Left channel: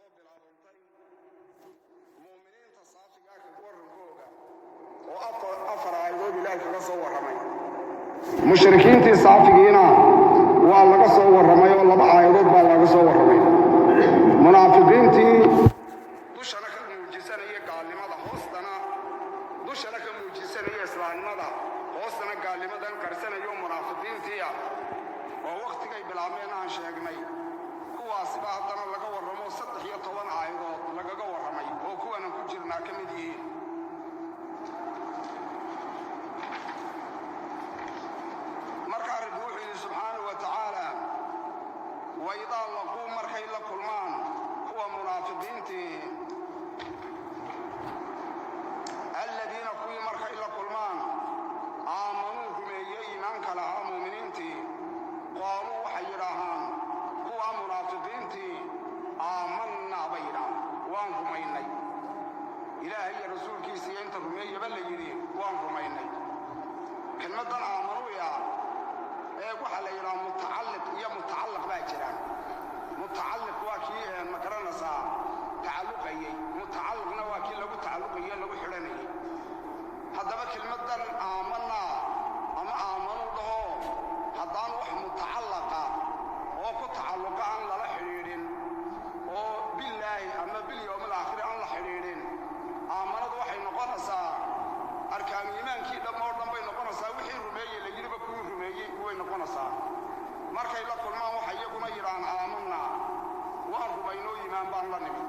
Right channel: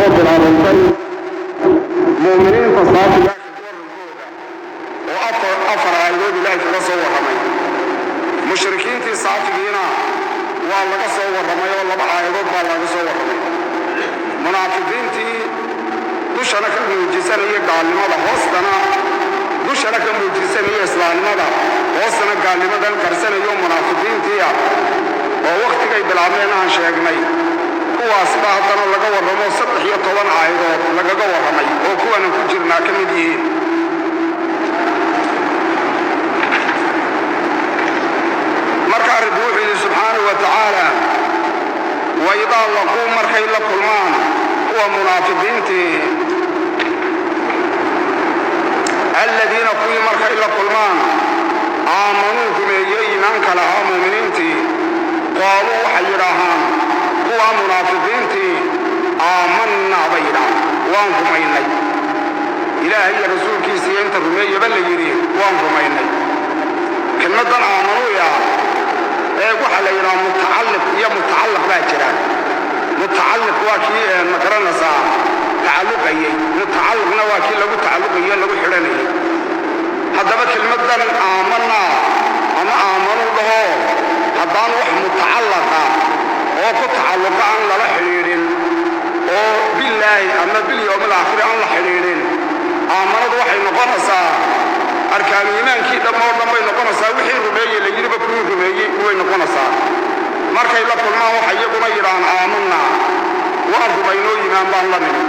soo bilaabantay mu'miniinta saafiga oo afar aayadood ilaahay kaga soo warramay. mushrikiintii saafigiina waa laga soo warramay oo 2 aayadood baa laga soo warramay. munaafiqiintii dushana ka muujisanaya gaalnimada, hoostana dushana ka muujisanaya islaamnimada, hoostana gaalnimadan karsanayo munaafiqiintii oo waqtigay bilaabeen aan sheegnay. kuwaas baa haddana laga warramo 13 aayadood lagaga warramay oo kuwana ku jirnaa ka mid yihiin. marka rabbi wuxuu yidhi subxaanahu wa tacaala waidaa laquu markay la kulmaan kuwa munaafiqiintii aladiina kuwii markay la kulmaan aamanuu rumeeyey iimaanka lahaa muuminiintii qaaluu waxay yidhaahaan kuwa munaafiqiintii aamannaa bay yidhahaan waan rumaynay. ilaahay iyo rasuulkiisiiyo inta rumeeyaba la yidhi waan rumaynay. kelmaddan aamanuuya waxaa la yidhaha mutacalliq iyo mutacallaq baa jira. mutacalliq waa kii ma garanaysaa tacalluqayey, mutacalliqna waa kii lagu tacalluqayo lagu xidhanayay. haddaba kelmaddan aamanaa ama aamanuu dhaho haddaan wax mutacallaqa oo ku tacalluqa aan lala xidhiidhin oo billaahi ama bilyowmil aakhiri aan la xidhiidhin, aamanadu waxay noqonaysaa arkaanu iimaankii dhammoo dhan bay noqonaysaa. wixii rumeeye la yidhiba kuwii rumeeyey way noqonaysaa. markay la kulmaan waxay iyaguna yidhahaan aamanaa waan rumaynoo iimaan baan la nimi.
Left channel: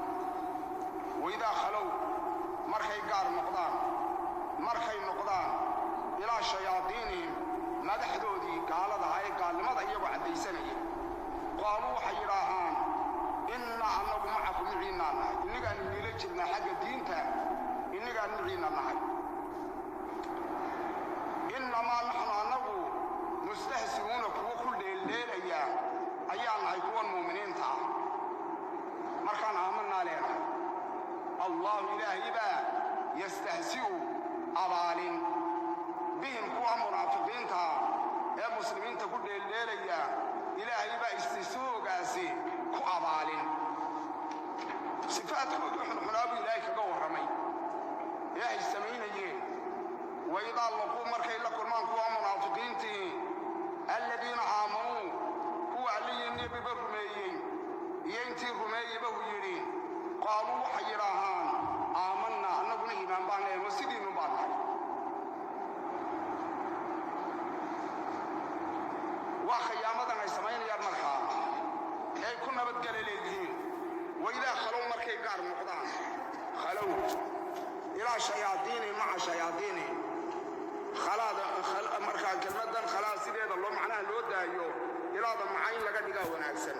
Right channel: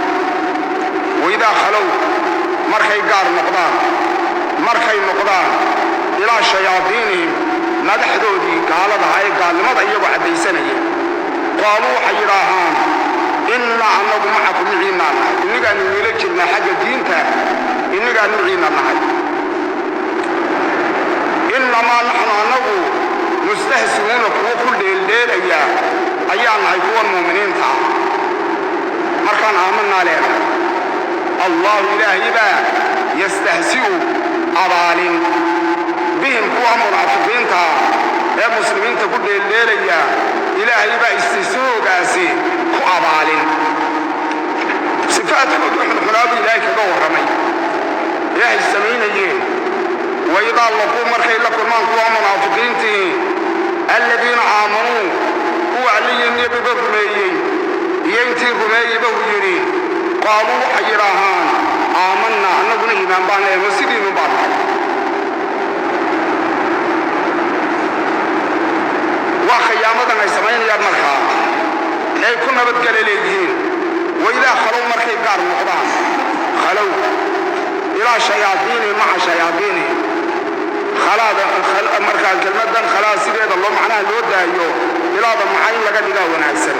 waidaa khalow markay gaar noqdaan, markay noqdaan ilaa shayaadiinihim madaxdoodii gaaladaha ee gaalnimada iyagoo caddaysanaya, qaaluu waxay yidhaahaan innaa annagu macakum miciinnaa nahay, innigaanu niila jirnaa xagga diinta, innigaan miciinna nahay. innamaa naxnu annagu mustahsimuuna kuwo ku dheeldheelaya ayaa nahay kuwan muuminiinta ah. markaan aamanaa leenahay allahu ilaahay baa yastahsi'u abaalin bihim kuwa munaafiqiinta ee muslimiinta ku dheeldheelaya, ilaahay baa istihsoogaasi ku abaalin. sifaadkoodu xunxunaabu ilaahay kaga warramay ilaahay samaynayeen. waidaa laquu markay la kulmaan kuwa munaafiqiintii aladiina aamanuu kuwa alliyo nebiga rumeeyey iyo intii rumeeyeyba uu yidhi qaaluu waxay yidhaahaan aamannaa annaguna iimaan baan leeno sidiinu baan nahay. waa khiyaamadan ay samaynayaan markaa ay ku nabadgala leeyihiin. waidaa khalow markay gaar noqdaan, khalow ilaa shayaadiinihim maca shayaadiinihim, markaa kelmaddan khalaa sideeda loo macnaha loo daayo ilaada macayn laga dhigaa wanaagsan.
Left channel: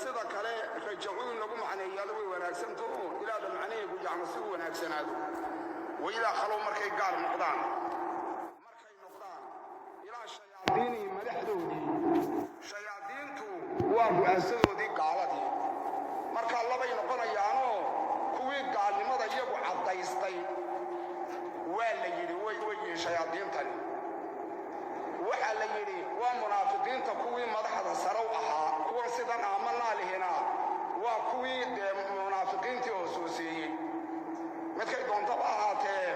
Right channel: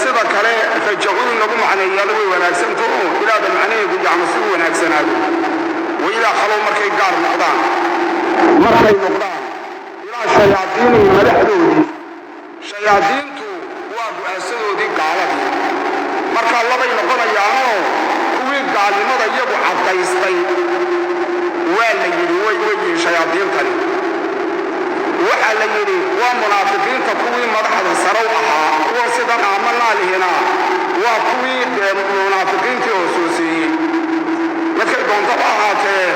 sida kale rajacuun lagu macneeyaalo way wanaagsanto ilaada macnaheedu yacni si u wanaagsanaado. waidaa khalow markay gaar noqdaan, markay noqdaan ilaa shayaadiinihim madaxdoodii, shayaadiintu waa ducaasadoodii gaaladii. markaa labay noqonayaanoo kuwii gaalnimada iyagu caddaystay waa la yidhi way yihiin shayaadiintani. waxaa la yidhi waa munaafiqiinta kuwii madaxda sarow ahaa, kuwa sidan aamanaa lihina waa kuwii munaafiqiintii hoosooseeyey. markay doontaba ahaatee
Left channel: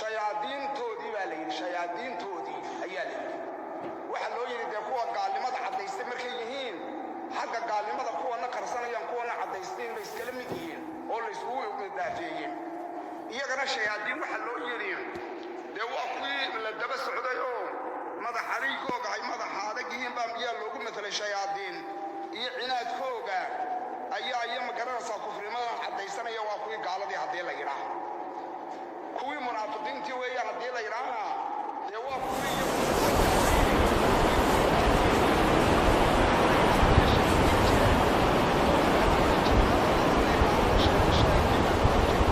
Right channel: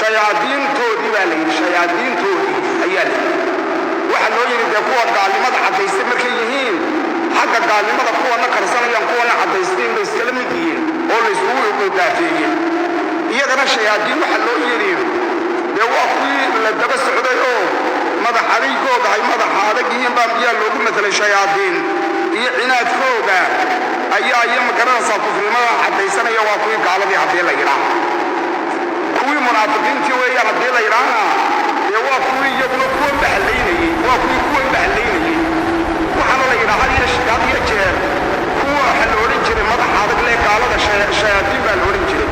shayaadiintoodii baa la yidhi, shayaadiintoodii ayaa la yidhi. waxaa loo yidhi dee kuwa gaalnimada caddaystay markay yihiin, xagga gaalnimada kuwana karsanayaan kuwana caddaysteen bay iskala mid yihiin oo laysugu daafeeyey. iyagana shayaadiin waxaa loo yidhi dee waa kuwii la daba socday oo madax adaygooda ay madaxa adag yihiin baa miyaa loogu matelay shayaadiin iyo cinaadkooda ayaa iyo magaranaysaa kufrimadan caddaysanaya waa kuwii gaaladii haddii la yidhaah. kuwii munaafiqiintii weeyaan haddii la yidhaahna dee waa kuwii iyaguna kuwa bahlaynayey, waa kuwii kuwa bahlaynayey. waxaana la yidhaha had iyo jeer kuwa waxaa la odhan jiray madaxa adag lee gaalada shayaadiin baa la odhan jiray.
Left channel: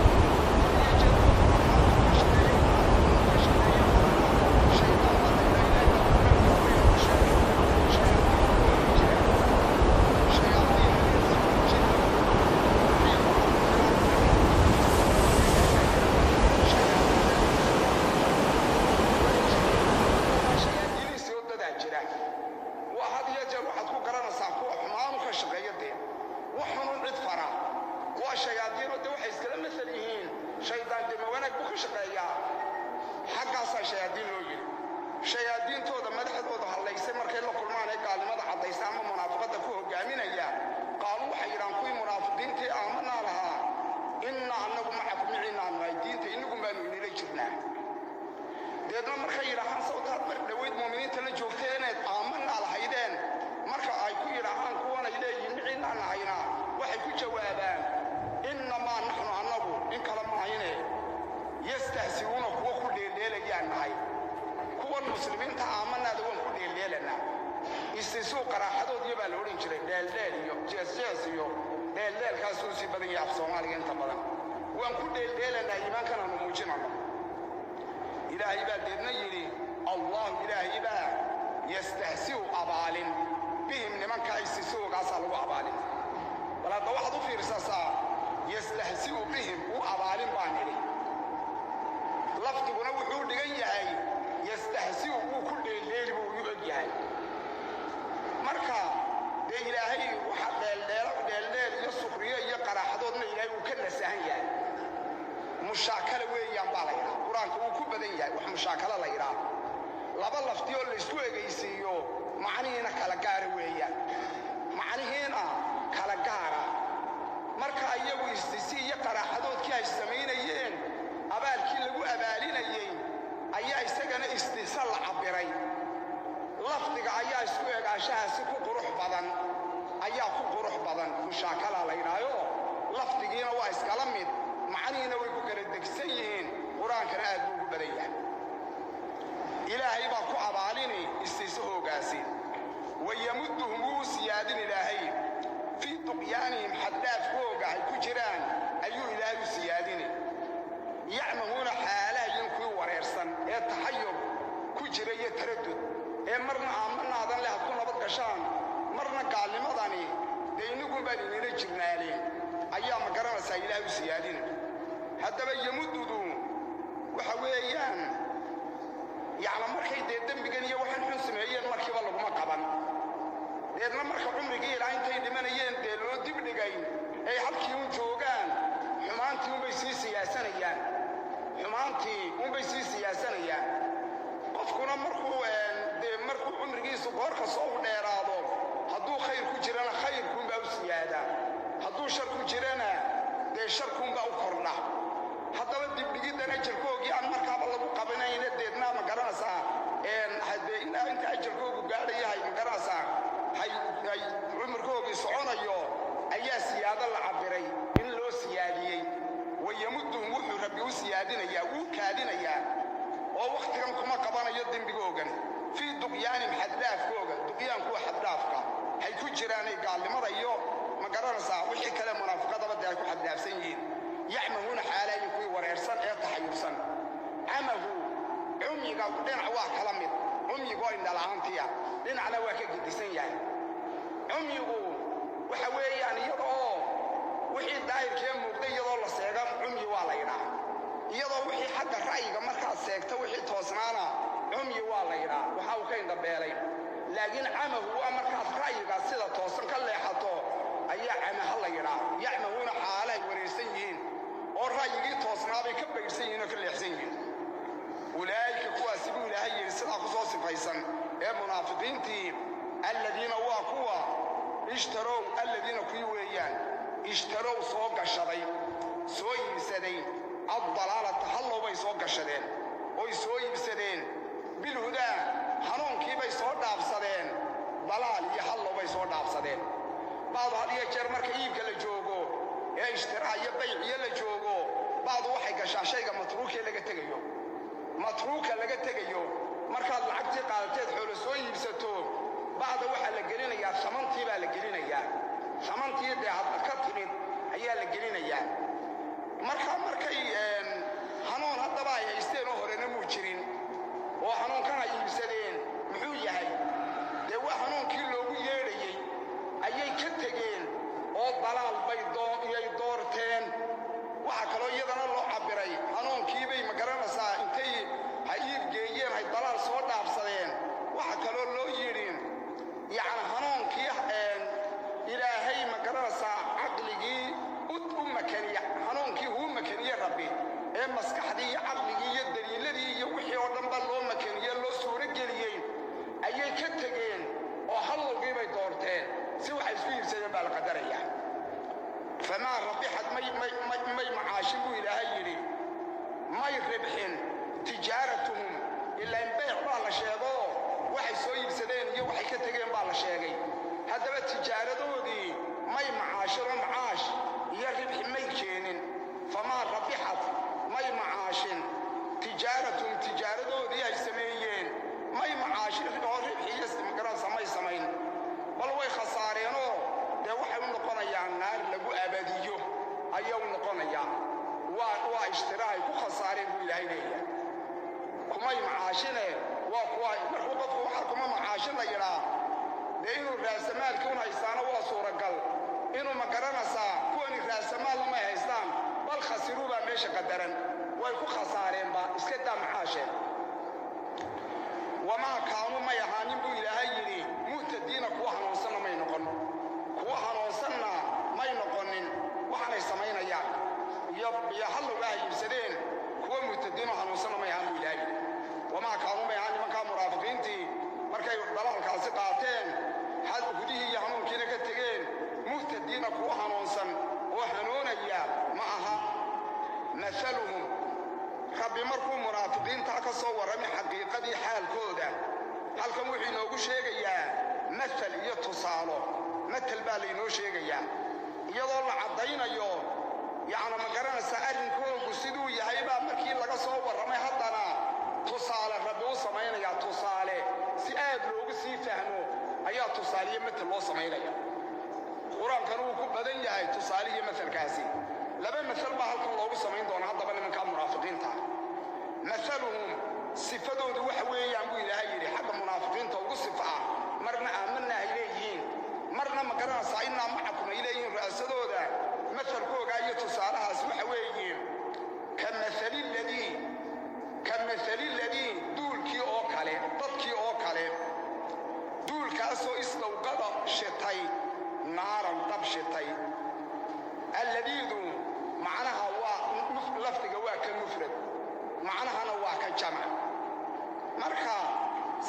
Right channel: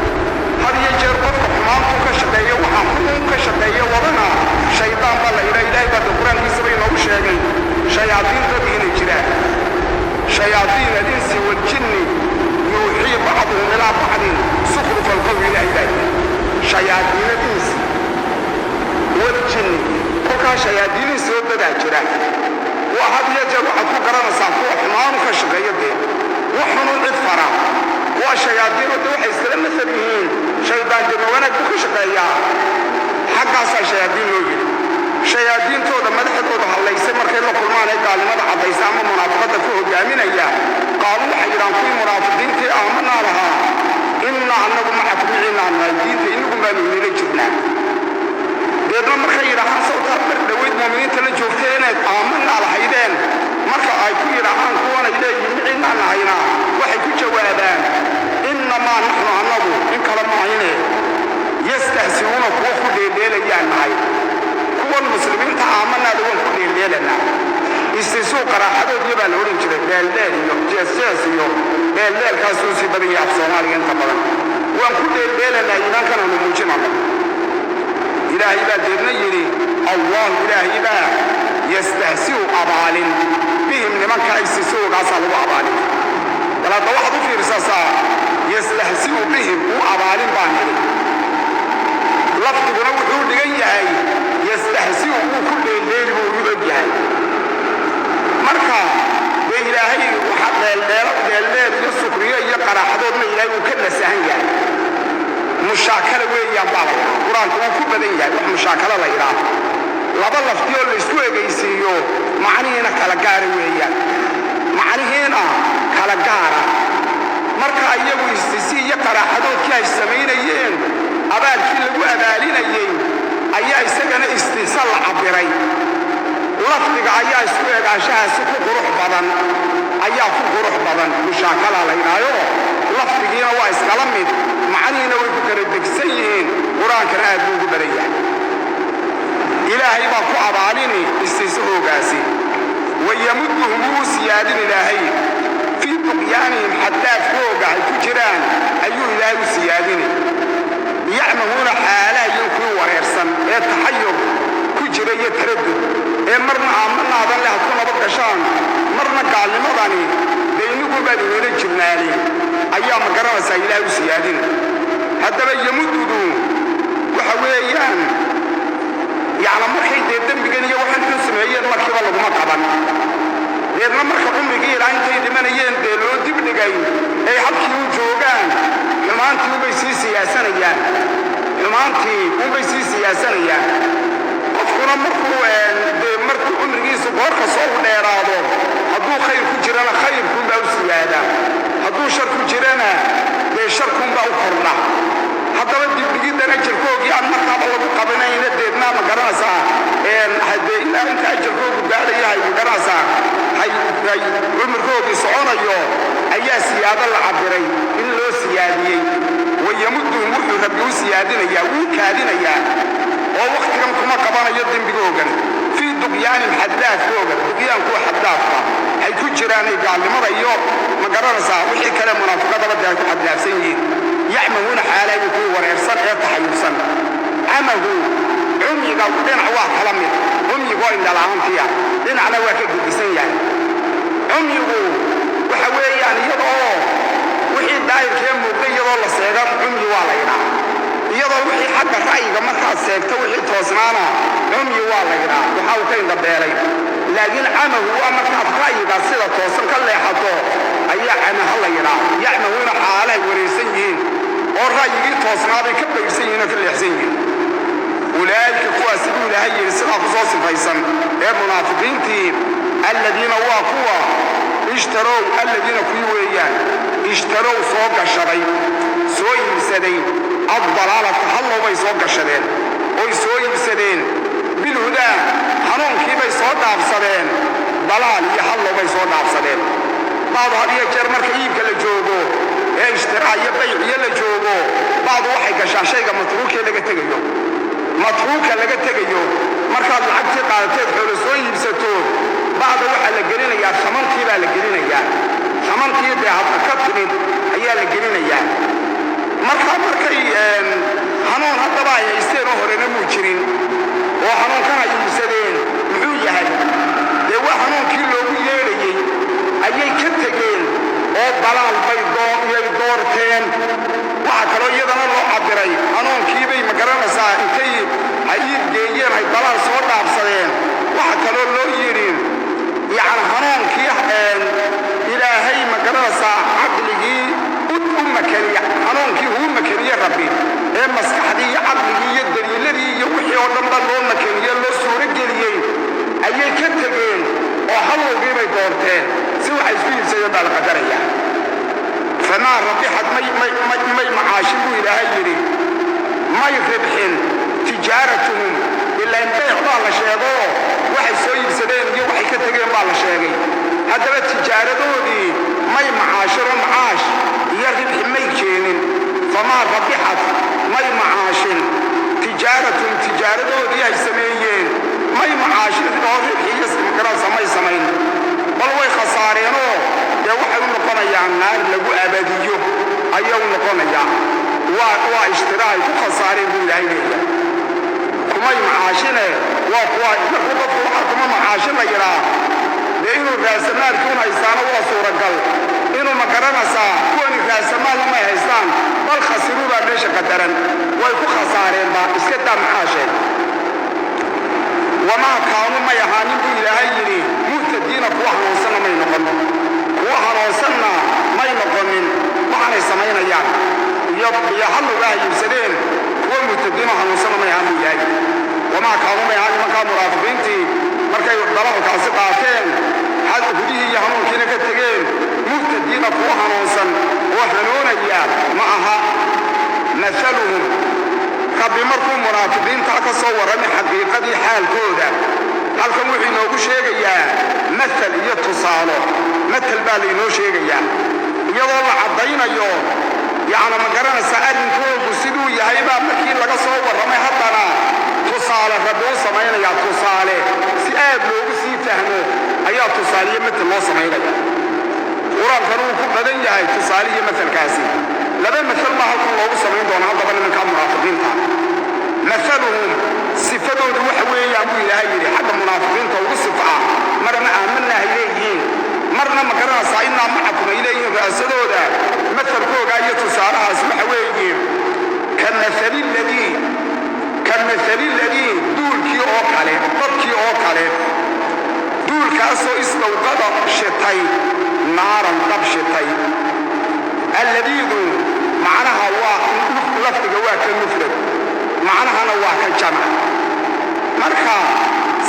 had iyo jeer qofka xumaantuu ka shaqeeya waxaa xuun ka shaqeeya wadana shaydaan baa la yidhaha. ilaahay baa qur-aankiisa bay inoogu sheegay shayaadiintooda inay jiraan. shayaadiin alinsi waljinni yuuxii bacduhum ilaa bacdin sukhrufa alqawli ilaahay baa yidhi. shayaadiinadiis waljinni kolkaa shayaadiinii soo dadaa jira shayaadiin oo waxay iskala masal yihiin shaydaan jirna wanaag ku shaqeeyaa xaggaasaa shayaadiin loo yidhi shayaadiintooda madaxdooda hadlaysay markay la kulmaan ee gaalnimada caddaysa ama munaafiqadda ku hogaaminaya qaaluu waxay yidhaan kuwii munaafiqiintii aamanaa lahaa innaa annagu macakum miciinaan nahay diinta inagu baanu inila jirnaa deedna markay yidhaahaan sawtaad mar dhoweyd muuminiinta la joogtay inayd aamanaa lahaydeen marka ay ku yidhaahaan kuwanay leeyihin miciinaan nahayna waxay ku jawaabaan innamaa naxnu annagu in kala mahayne yastahsiuuna kuwa ku dheeldheelayaan nahay kuwan muslimiinta aamanaada waan ku dheeldheelanaa istisuu qaraaxadoodii baa la odhan jiray dheeldheel iyo jeesjees iyo dheeldheelkaasuu sii badan yahay af soomaaliga inta badan waan ku dheeldheelanaa iimaankananu muujinana ilaahay baa deedna yidhi allahu ilaahay baa yastahsiu abaalin bihim nimanka istisugaasaa lagu abaalin bal hadda waxaad u fiirsasaa yastahsiu bihim uu abaalin baan nidhi lafdiguna wuxuu dhigan yahay yastahsiu uu ku dheeldheeli buu ugu og yahay marka dee ilaahay waxa dheeldheel iyo sukriyo iyo qaraaxadoodna ilaahay uu ka nasahan yahay mushaakala weeyaan baa la yidhaha qur-aanku wuu ku badan yahay wax mushaakala la yidhaah laba lafdiyoo laysku egaysiiyo macnihiina kala gaara weeyaan macnihiina kala gaara marka iyagu istisi iyo qaraaxadoodkii ay samaynayeen abaalkii lagu abaalinayey ayaa isagana istisa la cabbiray lafdiga ayaa isku egaanshahaasi ku qurux badan ayaa ku qurux badan mushaakala la yidhaayo lafdigiina waa iskala mid macnihiina way ku kala degsan yihiin qur-aankana aad buu ugu badan yahay ilaahay baa ku abaalini istisahoogaasi wayamudduhum wuu siyaadin ilaahay fii tuqyaanihim xaddaafkooga ay ku jiraan ayuu ilaahay u siyaadini yacmahuuna xaalahayin kuwii wareersan ee taxayur ku jira iyo taradud ee marna aamanaadan leh had ku nabad gashaan marna gaalnimadani dee inagu baan inala jirnaani ayaa ma garanaysaa ilaahay u siyaadin haddaba yamuddudu waxa weeyaan yacni markay dee dembigan iyo waxaan ku sameeyeen markiiba laguma qaban deedna marka cumrigii ilaa intay dhimanayeen dee loo dibdhigay ay halkii u joogaan xumaantii unbay sii siyaasanayaan qofkuna markuu cumrigiisu goorka soo u dheeraado hadduu khayr ku jirana khayrkuunbaa u siyaada hadduu shar ku jirana dee sharkuunbaa u kordha haddaba dibdhigidan ajarkoogii aan markaaba lagu qabanayna deednaa ma garanaysaa haddee ilaa inta ajarkoogu gaadhayahay ma garanaysaa cumurkoogii soconayo ayaa siyaado la cabbiray in loo siyaadiyey wayamudduhum wuxuu rabbi u siyaadinayaa wuu kaadinayaa oo wakhtigan kuma qabanayo dembigoogan fii duqyaanin xaddaafkooga duqyaankuwa xaddaafka hay ku jiraanay gaalnimada iyo ma garanaysaa wixii kale munaafiqadaba dee ay ku xaddaafsan yihiin yacmahuuna xaalayin kuwii wareersan ee taxayursan camahu cumyiga dhinac waa kala mid cumyigoo indhala'aantiya dhinacna waa ka gedisan yahay cumyigu waxa weeyaan iyadoo wixii daahirkee muuqda iyadoo la seega cumyi waa la yidhaa iyadoo wixii xagga ra'yiga markaad seegto wixii toosnaana cumyi waa la yidhaa waxaa uu ka indhabeelay laakiin camahu waa markaad ra'yiga sida toosan ka leexato ayaa camaha la yidhaa yacmahuuna xaalahay wareersan yihiin oo ra'yigii toosnaabay ka bayrsan yihiin oo ka leexsan yihiin ulaa'ika kuwaasi buu ilaahay yidhi sidaa ku soo sifaysan ee munaafiqiintii alladiina waa kuwa ishtarow alladiina kuwii weeyaan ishtarow soo gashaday soo iibsaday addalaalata hallow bay soo gashadeen oy soo iibsadeen bilhudaa hanuunkii bay soo dhaafsadeen dalaal iyo hallow bay soo dhaafsadeen bacdu had iyo jeer marka iibka la joogo ee ishtiraa iyo bayciyo la joogo bacdu waxay gashaa shayga matruukee laga tegayo matruuka laga tegayo markaad lacagtii qaadateed xoolo soo iibsato bacda waxaa la gelinayaa samantii baa la gelinayaa samantii dee hadda ka timid ayaa la gelinayaa markaa markay hanuun haddaba ay haysteen oo horena muu jirin oo hanuunkan ay iibsadeen muxuu yahay dee waa hanuunkii loogu yeedhayey ayay ka tegeen oo dalaal bay doorteen waxa kaloo iyadana loo cabbiray hanuunkiibay ma garanaysaa intay ay iibgeeyeen ay dalaal soo dhaafsadeen waxa kaloo loo yidhi yacni hanuunkii ilaahay ma garanaysaa caqligii u makanay ما يربحين تجارتهم إلا إن بيع بالله شيء waxay soo iibsadeen iyo waxay ka tageen baa la sheegay haddaba tijaaradoodii may macaashiro macaash iyo ribxi may keenin famaa rabixat may macaashin tijaaradoodii ay sameeyeen may macaashin oo ribxi iyo simkarasa may samayn bal way khasaareenoo dee waxay u noqonayaan naar lagu abadiyo ayay u noqonayaan waa ishtiraay ku khasaareen buu ilaahay leeyahay kumay macaashine kuma macaashin la yidhaa dee inuu raasamaalkiun haystaana waa suuragal inuu ma garanaysaa kuwani raasamaal umay haystaan bal khasiruu baa meesha qadaran way ku khasaareen baa iska daa macaasheen wamaa kaanu may ahaanin buu ilaahay yidhi muhtadiina kuwa hanuunsanna may noqon kuwa hanuunsanna may noqonin waxaanay samaynayaan iyo hallugaa iibsadeen kuwa muhtadiina hanuunsanna may ahaan buu ilaahay وما كانوا يعني ما كانوا مرافقينتي مركي ضلعوا كاسي قاتين حتى هديه يهنون كينا كتغين مهتدين قوها نوصا وهنون اياه معها مثلهم قبل مركوا مرافقين تاكسوا من حقيقة حال كودا هل كم وحي نوكو شيئا مثل يتصالوا مثل بالي نو شيئا يضل عضينا يوم يعني مقرنا سأل كوكو سيدو يهيبا مكين لك صور رمي حدنا tusaale rabbi u samaynaya tusaale si aad loogu sii fahmo ayaa tusaaliye mid loo samaynaya quraankan uu ku badan yahay tusaaliye midkaasi laba midal ma halkan loogu samayn doona hadaba nimanka munaafiqiinta مثلهم صفاتهم waxa weeyaan buu ilaahay yiri xagga munaafiqiinta ugu sifaa marna aamanna ilayhiin marna ma garanaysaa inna macakum ilayhiin raasadooda مثلkooga iyo tusaalahaas waxa weeyeen كمثل الذي دولكي أو كله ضبكي أو كله دول كاسو استوقد شتاي نارا ضب شتاي الذي دول معناها لفت جواك المفرد معناها نواك الجمع مركا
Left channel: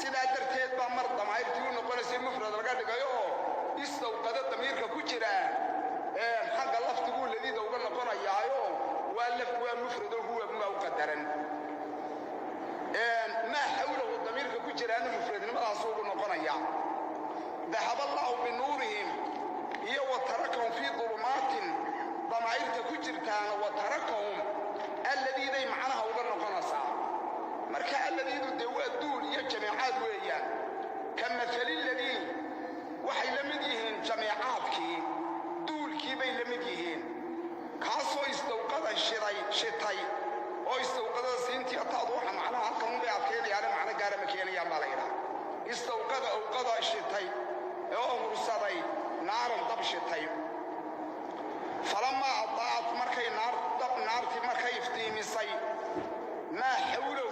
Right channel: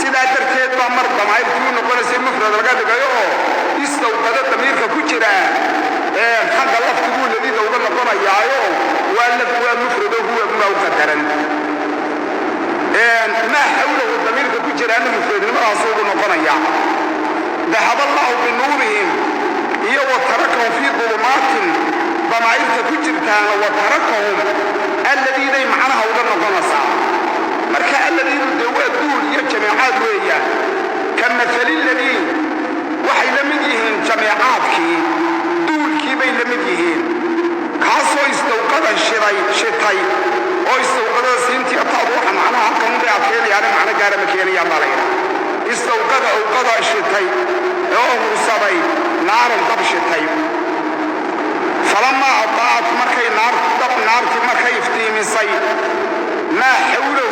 سيدا درتيت بامر ضمائر كلون نقول سي مفرد لقد جايو استوقد ضميرك كجرا حق لفت دول الذي دول نقول يايو واللف هو المفرد هو مقدرا ما حوله الضمير كجرا انه مفرد ما اصوب نقنيا ذهب الله بنورهم هي وتركهم في ظلمات ضمائر كجرتان وتركهم الذين معناها ودنا قنصا مركا الذين دول يا جماعات ويا كمثل الذين وحي لمديهم جماعاتك دول كي بين لمديهم كاسو استوقد الشتاي او استوقد سنتي اطاوح معناها كم بيعطيل يعني معنى قال مكيني يا مالين استوقد اوقد الشتاي او صبي نار طب الشتاي فلما اضاءت مركي نار طب نار مركي افتيمسي ما حوله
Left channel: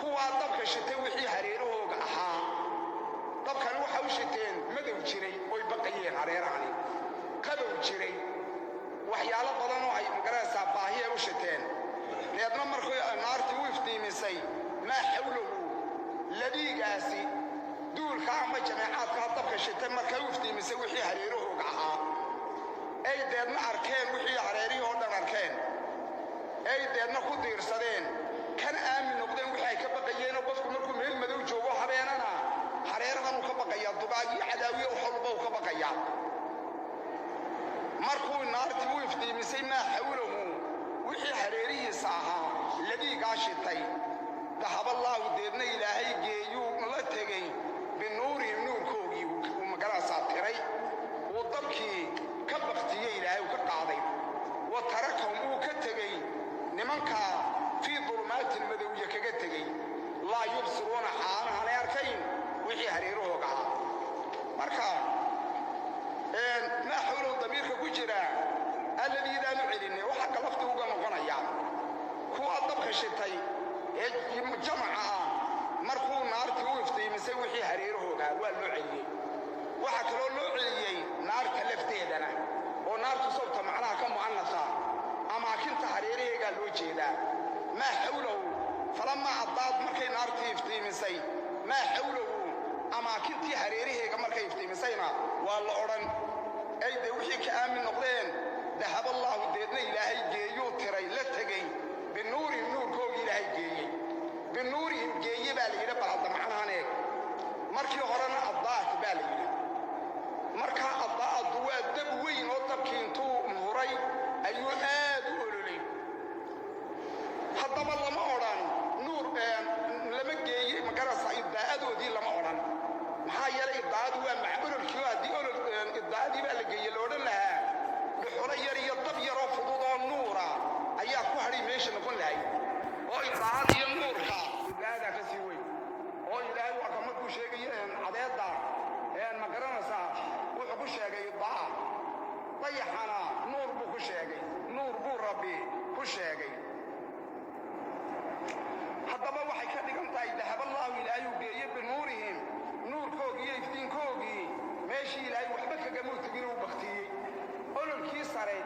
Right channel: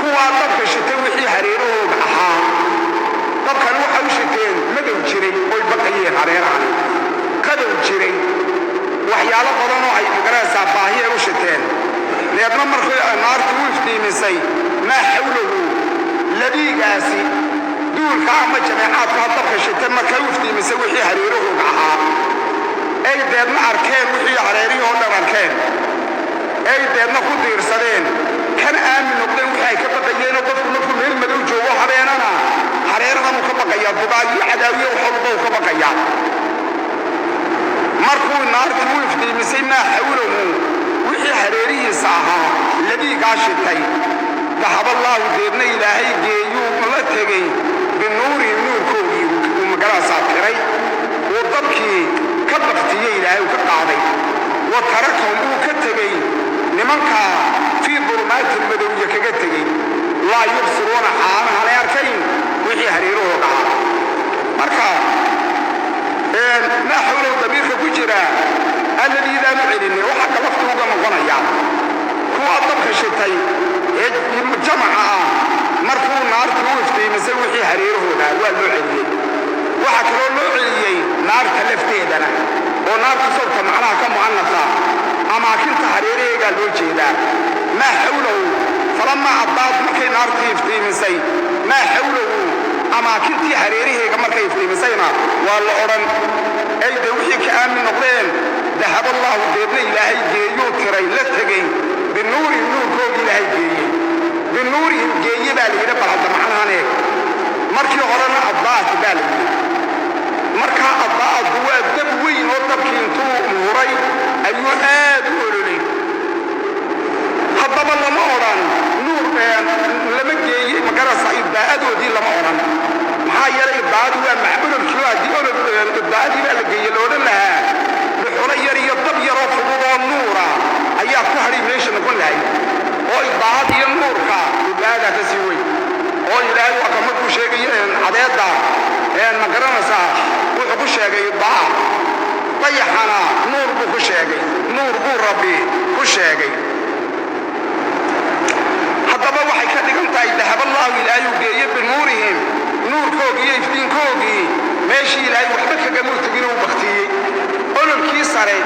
كوا طب الشتاي وحي حريره بحا طب كانوا حوشتين مدو جري وي بقيه حريران كدو جري waxyaalo badan oo ay magaraysaa baahiye u shiteen leedna markay naartu u iftiimisay ma xawluhu ladigaasi duulka ama jamaacadka dabka shitay markay u iftiimisay wixii hareeruhu ahaa ay deedna arkeen wixii hareerihi oo dhan arkeen ay deedna ku diirsadeen kan aamin noqdeen wixii ay ka baqayeen oo dadku markuu meel madow joogo habeenana hareerahan uu ka baqayaa dubaayo cadaawiye waxba uu ka baqayaa markuu naartu u iftiimisay ma xawluhu wixii hareerihiisa ahaa ladii gaashitay ذهب الله ديرنا إلهي جيو ملتقي بالنور النور كوي ومقرأ ساكري وضبكي كبقتي إلهي وكقاضي وتركهم وكتقي لمنكا في ظلمات المدوية كتقي لا يبصرون حالها على يركين وحي هريروه قاضي مركا ما حوله ضمير كجرا الذي لا معلني وحق لفتوغا مغنيا هو الضبك الشتاي جمعها مركو نار توفتي مسوي حريره هنا واللعلي وحكروا اللعلي نار كلفتيدنا ونار تصرت معناها كمعنثة أما كنت حريري قالوا جيدا ما حوله فلما أضاف مكي نار تفتي مسي ما حوله أما كنت حريري كما كيفتي مسينا والعرن أي دوحي كآمن نقلين ذهب الله ديرنا إلهي جيو كري لتقي بالنور nuurkoodii ilaahay geeyey binuurihim geeye baa layidhi bal hadda macnahanee markii horena addaa'at baa la yidhi markaa addaa'adku waa dab weyn oo dabkii intuu muuray ayuu aad u ololay haddaba lama odhan nuur lama geeyey magarasa iddaa'adoodii lama odhan maxaa yeelay iddaa'adu waa macbudulkii haddii iddaa'adii baa la geeyey la odhan lahaa dhuxulo yar iyo dab yaroo fudud oo nuura ayaa ku hadhay meesha noqon lahay oo iddaa'ad iyo nuurka iddaa'adaa ka sii weyn oo ilaahay waa ka markuu sheegay cadeedda ma garanaysaa wuxuu ku sheegay iddaa'a dayaxana nuur buu ku sheegay nuur buu rabbi ku sheegay haddaba waxay ka dhigan tahay dahaballaahu ilaahayuu geeye binuurihim nuurkoogii iyo iftiinkoogii meeshii ilaahay waxba kagamuu tegin uu baktiyey ololkii sare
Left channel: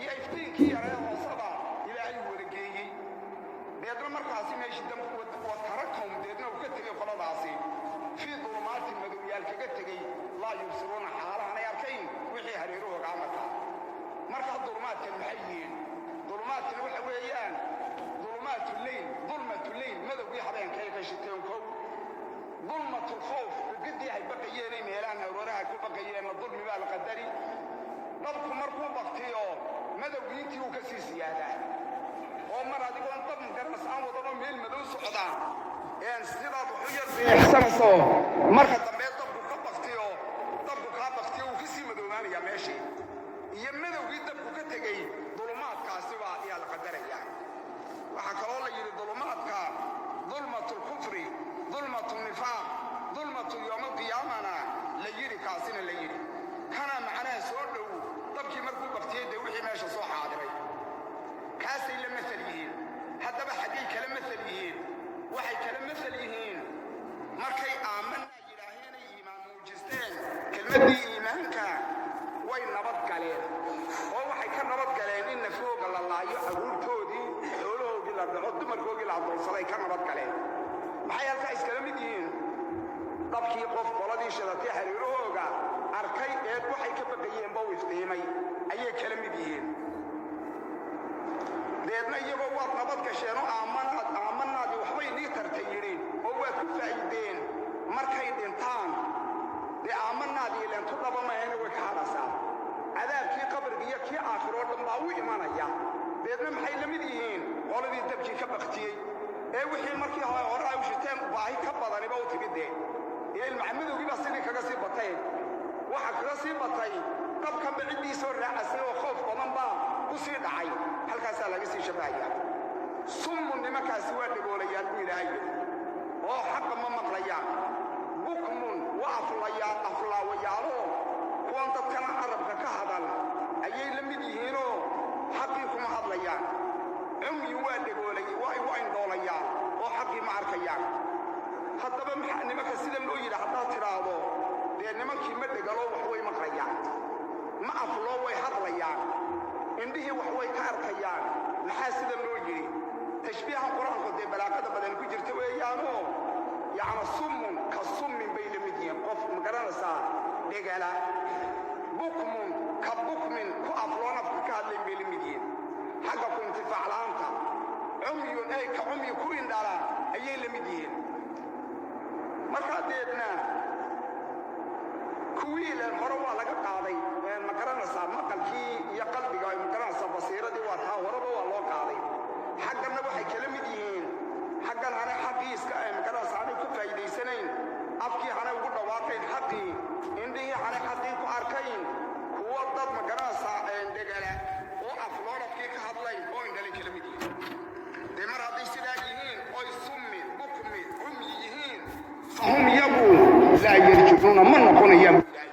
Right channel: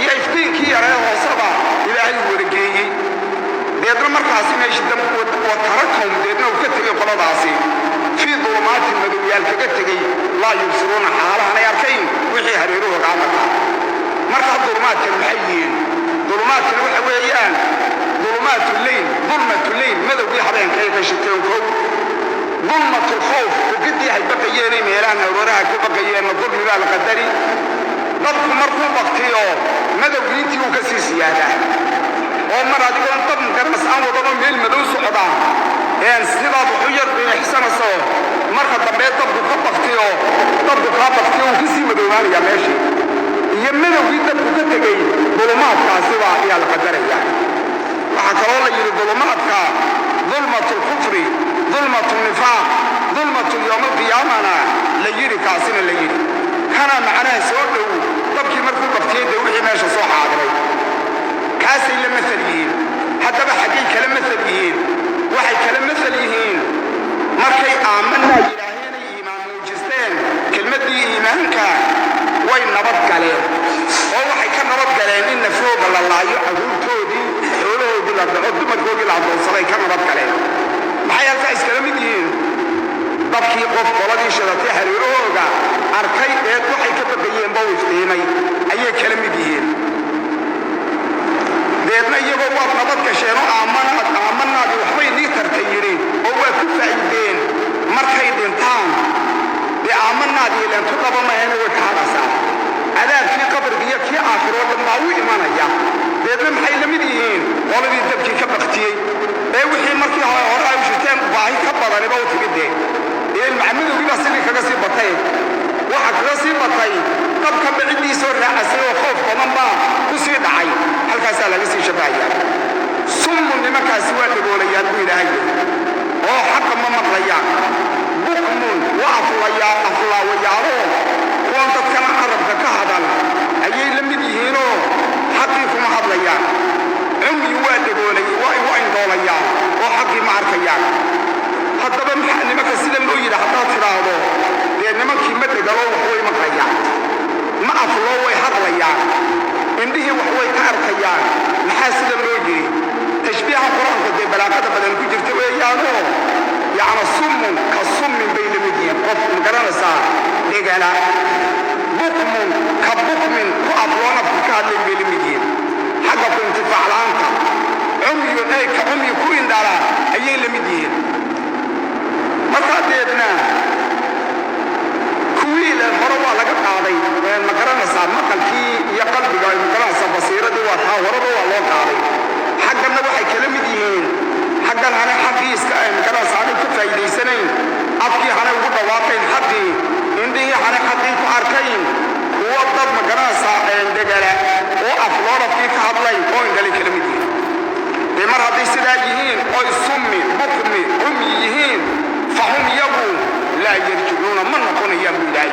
iyo iftiinkii yaree hooseba ilaahay uu wada geeyey deedna markaasi meeshii watarakom deedna uu ka tegey qoladaasi fii dulumaatin madowyaal kaga tegey laa yubsiruuna xaalahanay arkayn wixii hareeruhu gaamaka markaa dulumaadkan maxay yihiin dulumaadkan waxa weeyaan dulumaatu leyl madowgii habeenkay ka shiteen kow dulmatu lkhawf ugadii hay baqayeenay meelahan arooraha ku baqayeenna dulmi baa la qadari dabku markuu baktiyo madowgii intii uu ka sii siyaadaa oo mar adigoon dab magaras aan wadanoo meel madow socda sidaad wuxu yar biixsanaysaa marka dambe dabku ka baktiyo dabku kaa baktiyo uu kasii madoobaanayaa meeshii iyo madowgii dabku ka tegey dulumaadkaasiba ayaa la qadaraya waxaa kaloo la yidhi dulumaadka dulmatu lkufri dulmatu nifaaq dulmatu yowma alqiyaamana la yidhi kaasina la yidhi kana macnaha soo dhow dabkii markuu baktiyey dee wixii meesha soo xaadiray kaasay la masal yihiin haddaba xaggay kala masal yihiin waxay kala masal yihiin markay aamanaa yidhaaheenay iimaan muujisteen kelmaddii iimaanka way nabad galeen oo waxay ka nabad galeen in nafooga la laayo caruurtoodii xoolahoodii la dhaco dumarkoodii la addoonsaday ka nabad galeen maxay halkaa iskala mid yihiin dabkii qof qoladii shidatay hareerahooga arkay eed waxay ka baqayeenba u iftiimay ayay kala mid yihiin deedna iyagoo waad nabad gasheenoo aamanaadi waxbay nii tartay yidhi oo waad ku faa'iideen markay dhintaan dee aamanaadii leentu dhaba mahayna way ka hadhaysaa cadaabkii qabriga iyo kii aakhiroo dhan baa u imanaya deedna maxay la mid yihiin qoladii dabkii ka baktiyey ee wixii markii hore ay u shiteen baahi ka badaniba u timidee macmadowgii baa sidii kaga sii batay waxa kaga sii batay dabkanba ciddii soo raacasay oo khoof badan baa ku sii dhacay halkaasaa laga sii shabbahaya summun nimankaasi waa dhagoolayaan buu ilaahay oo xaqa ma maqlayaan bukmun waa aflaawayaalo kuwan dadkana carabka ka hadal ayay la mid yihiinoo xaqii kuma hadlayaan cumyi waa dhagoolay waa igu indhoolayaan oo xaqii ma arkayaan haddaba maxaa nimanka sida loo yidhi haddaad tidhaahdo dee nimankii ma dhegalo wax way maqlayaan ma afloo way hadlayaan indhihii wax way ka arkayaan maxaa sida loo yidhi tashbiiha qur-aanka dee balaaqada badan ku jirta weeyaanoo yacni summun ka summin bay la mid yihiin qof ma garanaysaa dhegala bukmun ka bukmin ku afloo nafka ka hadlayn bay la mid yihiin xagga ku intifaac la'aanta cumyun ay ka cumyi ku indhala ayay la mid yihiin markaa deedna kuwii leen hore waa laga qaaday ma garanaysaa maqalkii iyo qalbiga ma garanaysaa basiiradii waa taa horeba waa loo qaaday xagganna waxay kala mid yihiin xaggan hane xaqii iska ma garanaysaa aanay ka faa'iidaysanayn afkii hane ugu dhawaaqayn xaqii indhihii hane xaqii ku arkayn kuwa dad ma garanaysaa degala oo afloorafkii ka hadlay oo indhalay kala mid yihiin dee mar hadday sidaa yihiin oy summi bukmi cumyi yihiin fahum yagu laa yarjicuuna ma noqonayaan buu ilaahay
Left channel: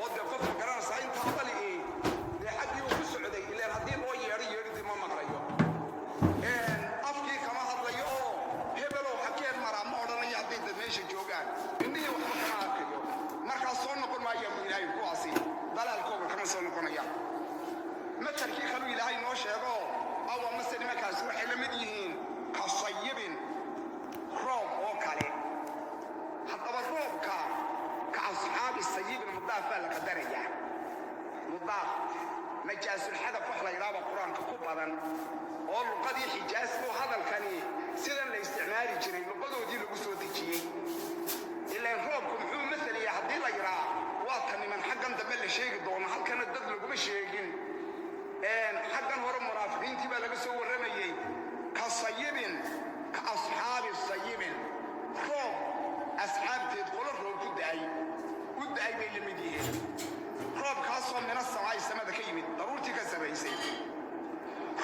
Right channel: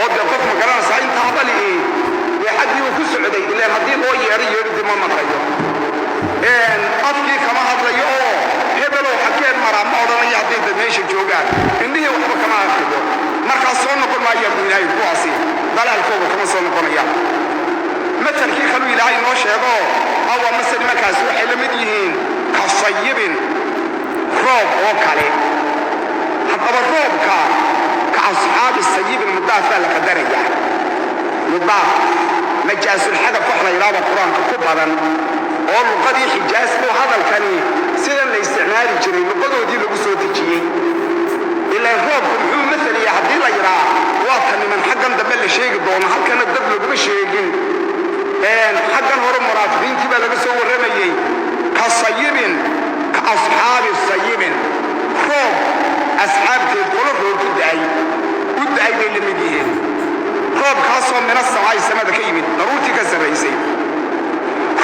oo dee qof ma garanaysaa intaa bali'i dee xaggii uu ku socday ilaan haddii loo yeedhidi ma maqlayo afkii kama hadlayo oo hebelow xageen maraa ma odhanayo hadday dad meesha joogaan indhihii waxba kama arkayo markaas soo noqon maayaan buu ilaahay kuwaasi dalaalkooga kama soo noqonayaan matalkii kaluu ilaahay noo sheego awa mase nimankaasi waxay la mid yihiin ka sayibin roob oo kale haddaba roobka ka asxaabi sayibin mudaaf baa la qadarayaa mudaaf majaasulxadaf wax la yidhaahdo qur-aanka ku badan oo luqadii Xijaas oo hadalkani sida la isticmaali jiray luqadoodii lagu soo dejiyay ilaa roobku muxuu mathalaya haddii la yiraa waa tan niman xaggan dambe la sheegi doono halkana dad laguma sheegin xaggan hore munaafiqiintii baa laga soo warramayay ka sayibin ka asxaabi sayibin roob asxaabteed qolo roob u da'ay bay la mid yihiin roobkaasoo mina samaay samada ka yimid daruurtii ka sarraysay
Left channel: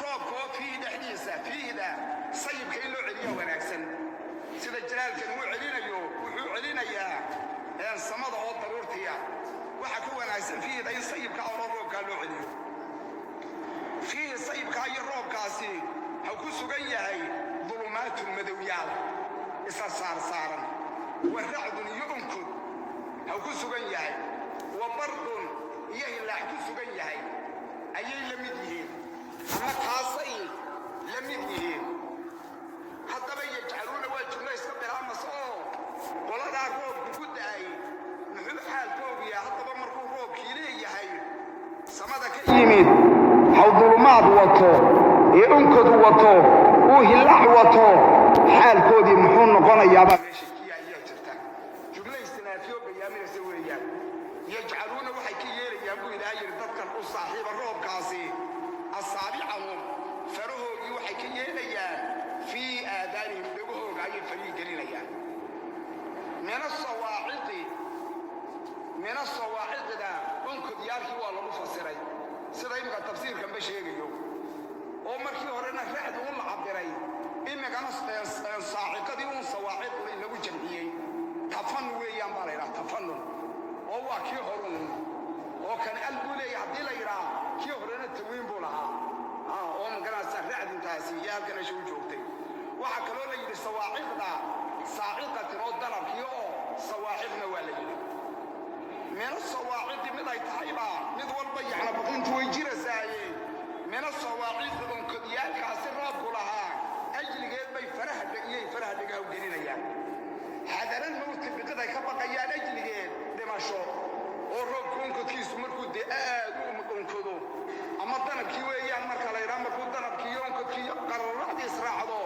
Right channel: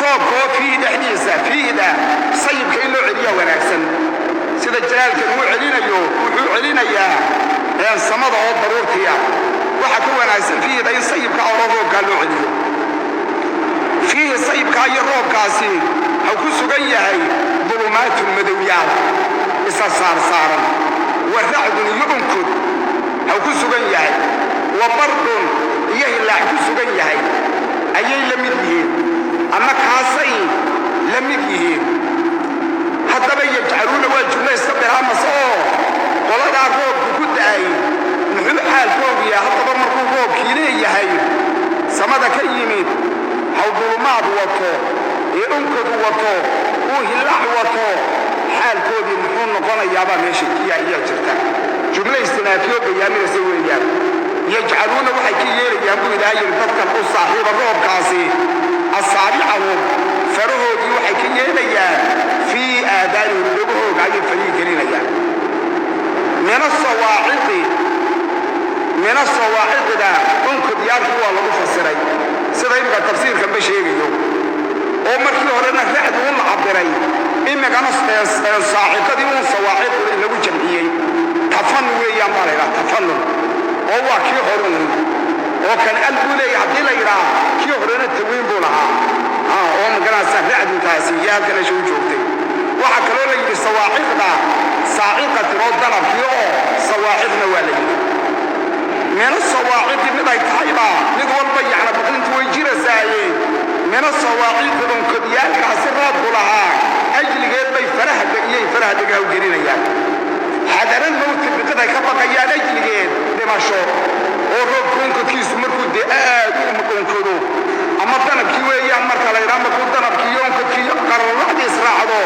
roobkoo fii dhexdiisa fiida sayibka in loo celiyaa wanaagsan sida jalaalkan uu celinayo wuxuu celinayaa samada oo daruurtiya waxa ka wanaagsan fiida in sayibka oo roobkaa loo celiyo fiihi sayibkaa iyo roobkaasi ha ku sugan yahay dulumaatun madowyaal isa saarsaaran wa racdun iyo unkod ha ku sugan yahay wa bardun iyo hilaac ku sugan yahay ayay la mid yihiin ama kaasay la mid yihiin haddaba yajcaluuna waa jumla iska bilaamas oo qoladaa roobku ku da'ay muxuu xaalkoogu yahay haddaba markuu roobkii leeyahay samada ka yimid haw dulumaad wato iyo unkadu wato uu hilaac wato xaalkoodii muxuu noqonayaabaa meesha kiya ayaa jirta jumla istinaafiyo bayaaminaysa weeyaan yajcaluuna waxay ka yeelayaan buu ilaahay yidhi dadkan u saaxiiba roobkaasi asaabicahum farahoodii waxay ka yeelayaan fii aadaanihim dhegahooga ayay farihi gelinayaan min asawaaciqida unkudyaarkii waa lagu fasiray sida imika tafsiirkanba sheegayo oo markii horena racdu u la cabiray imikana saaciqadii uun sawaaciqda in lagu jamciyey tafanun weeyaan baa la yidhaha tafanun oo waa kii horun oo kan al buu leeyahay haddii la yidhaha kii horena tawiin buu lahaa oo maganaysa racdintaasi iyo halkan isha u joogtay waxaa kaloo la yidhi sawaaciqda saaciqatin oo dalabkii oo sawaaciqna waa la yidhi mina sawaaciqi mid ay tahayba mid walba yacna baqintu way jirasaaye mina sawaaciqi unkodyaalkaasi raadku lahaa ajligeed bay faraha degaha u gelinayaan xadaran mawti biqiday ka baqayaan ajligeed dhimasho oo roobku unkadkiisu markuu dee aad u unkado ama danabkii weeyaan marka la yidhaha markuu danabkii iyo unkadkii qararacdii israacdo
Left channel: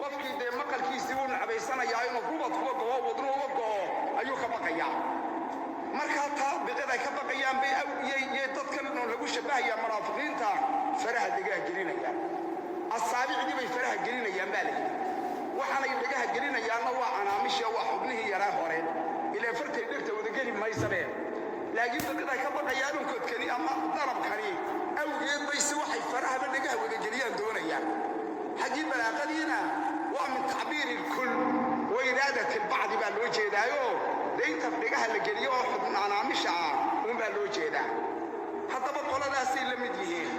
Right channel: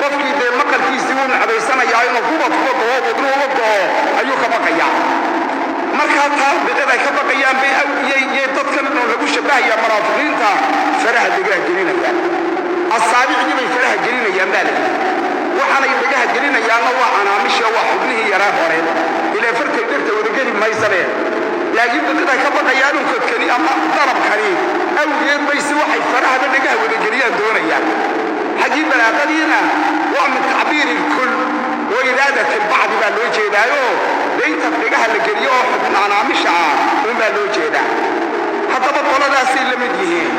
qofkii dee maqalkiisii uu nacbaysanayaa inuu kubad kuba go'o wadnuhu uga go'o ayuu ka baqayaa markaa taa biqiday ka baqayaan bay awdiyey dadkan oo lagu shabbahaya munaafiqiinta faraha degaha gelinayaan asaabicdii bay faraha gelinayaan baa la yidhi waxaanay degaha gelinayaanna waa canaamisha waa xubnihii yaraa hore ilaa farkay dhegta wadageli maysabeen laakiin biqiday ka baqayaan unkadkani ama darabkani awgeed baysi waxay farahaba degaha wadageliyaan doonayaan xaggii balaaqadiina waa min tacbiiri lkul wa iraadati lbacdi baa loo jeedaayo daynta degaha la geliyo oo xubn canaamisha unbaa loo jeedaa haddaba qoladaasay la mid yihiin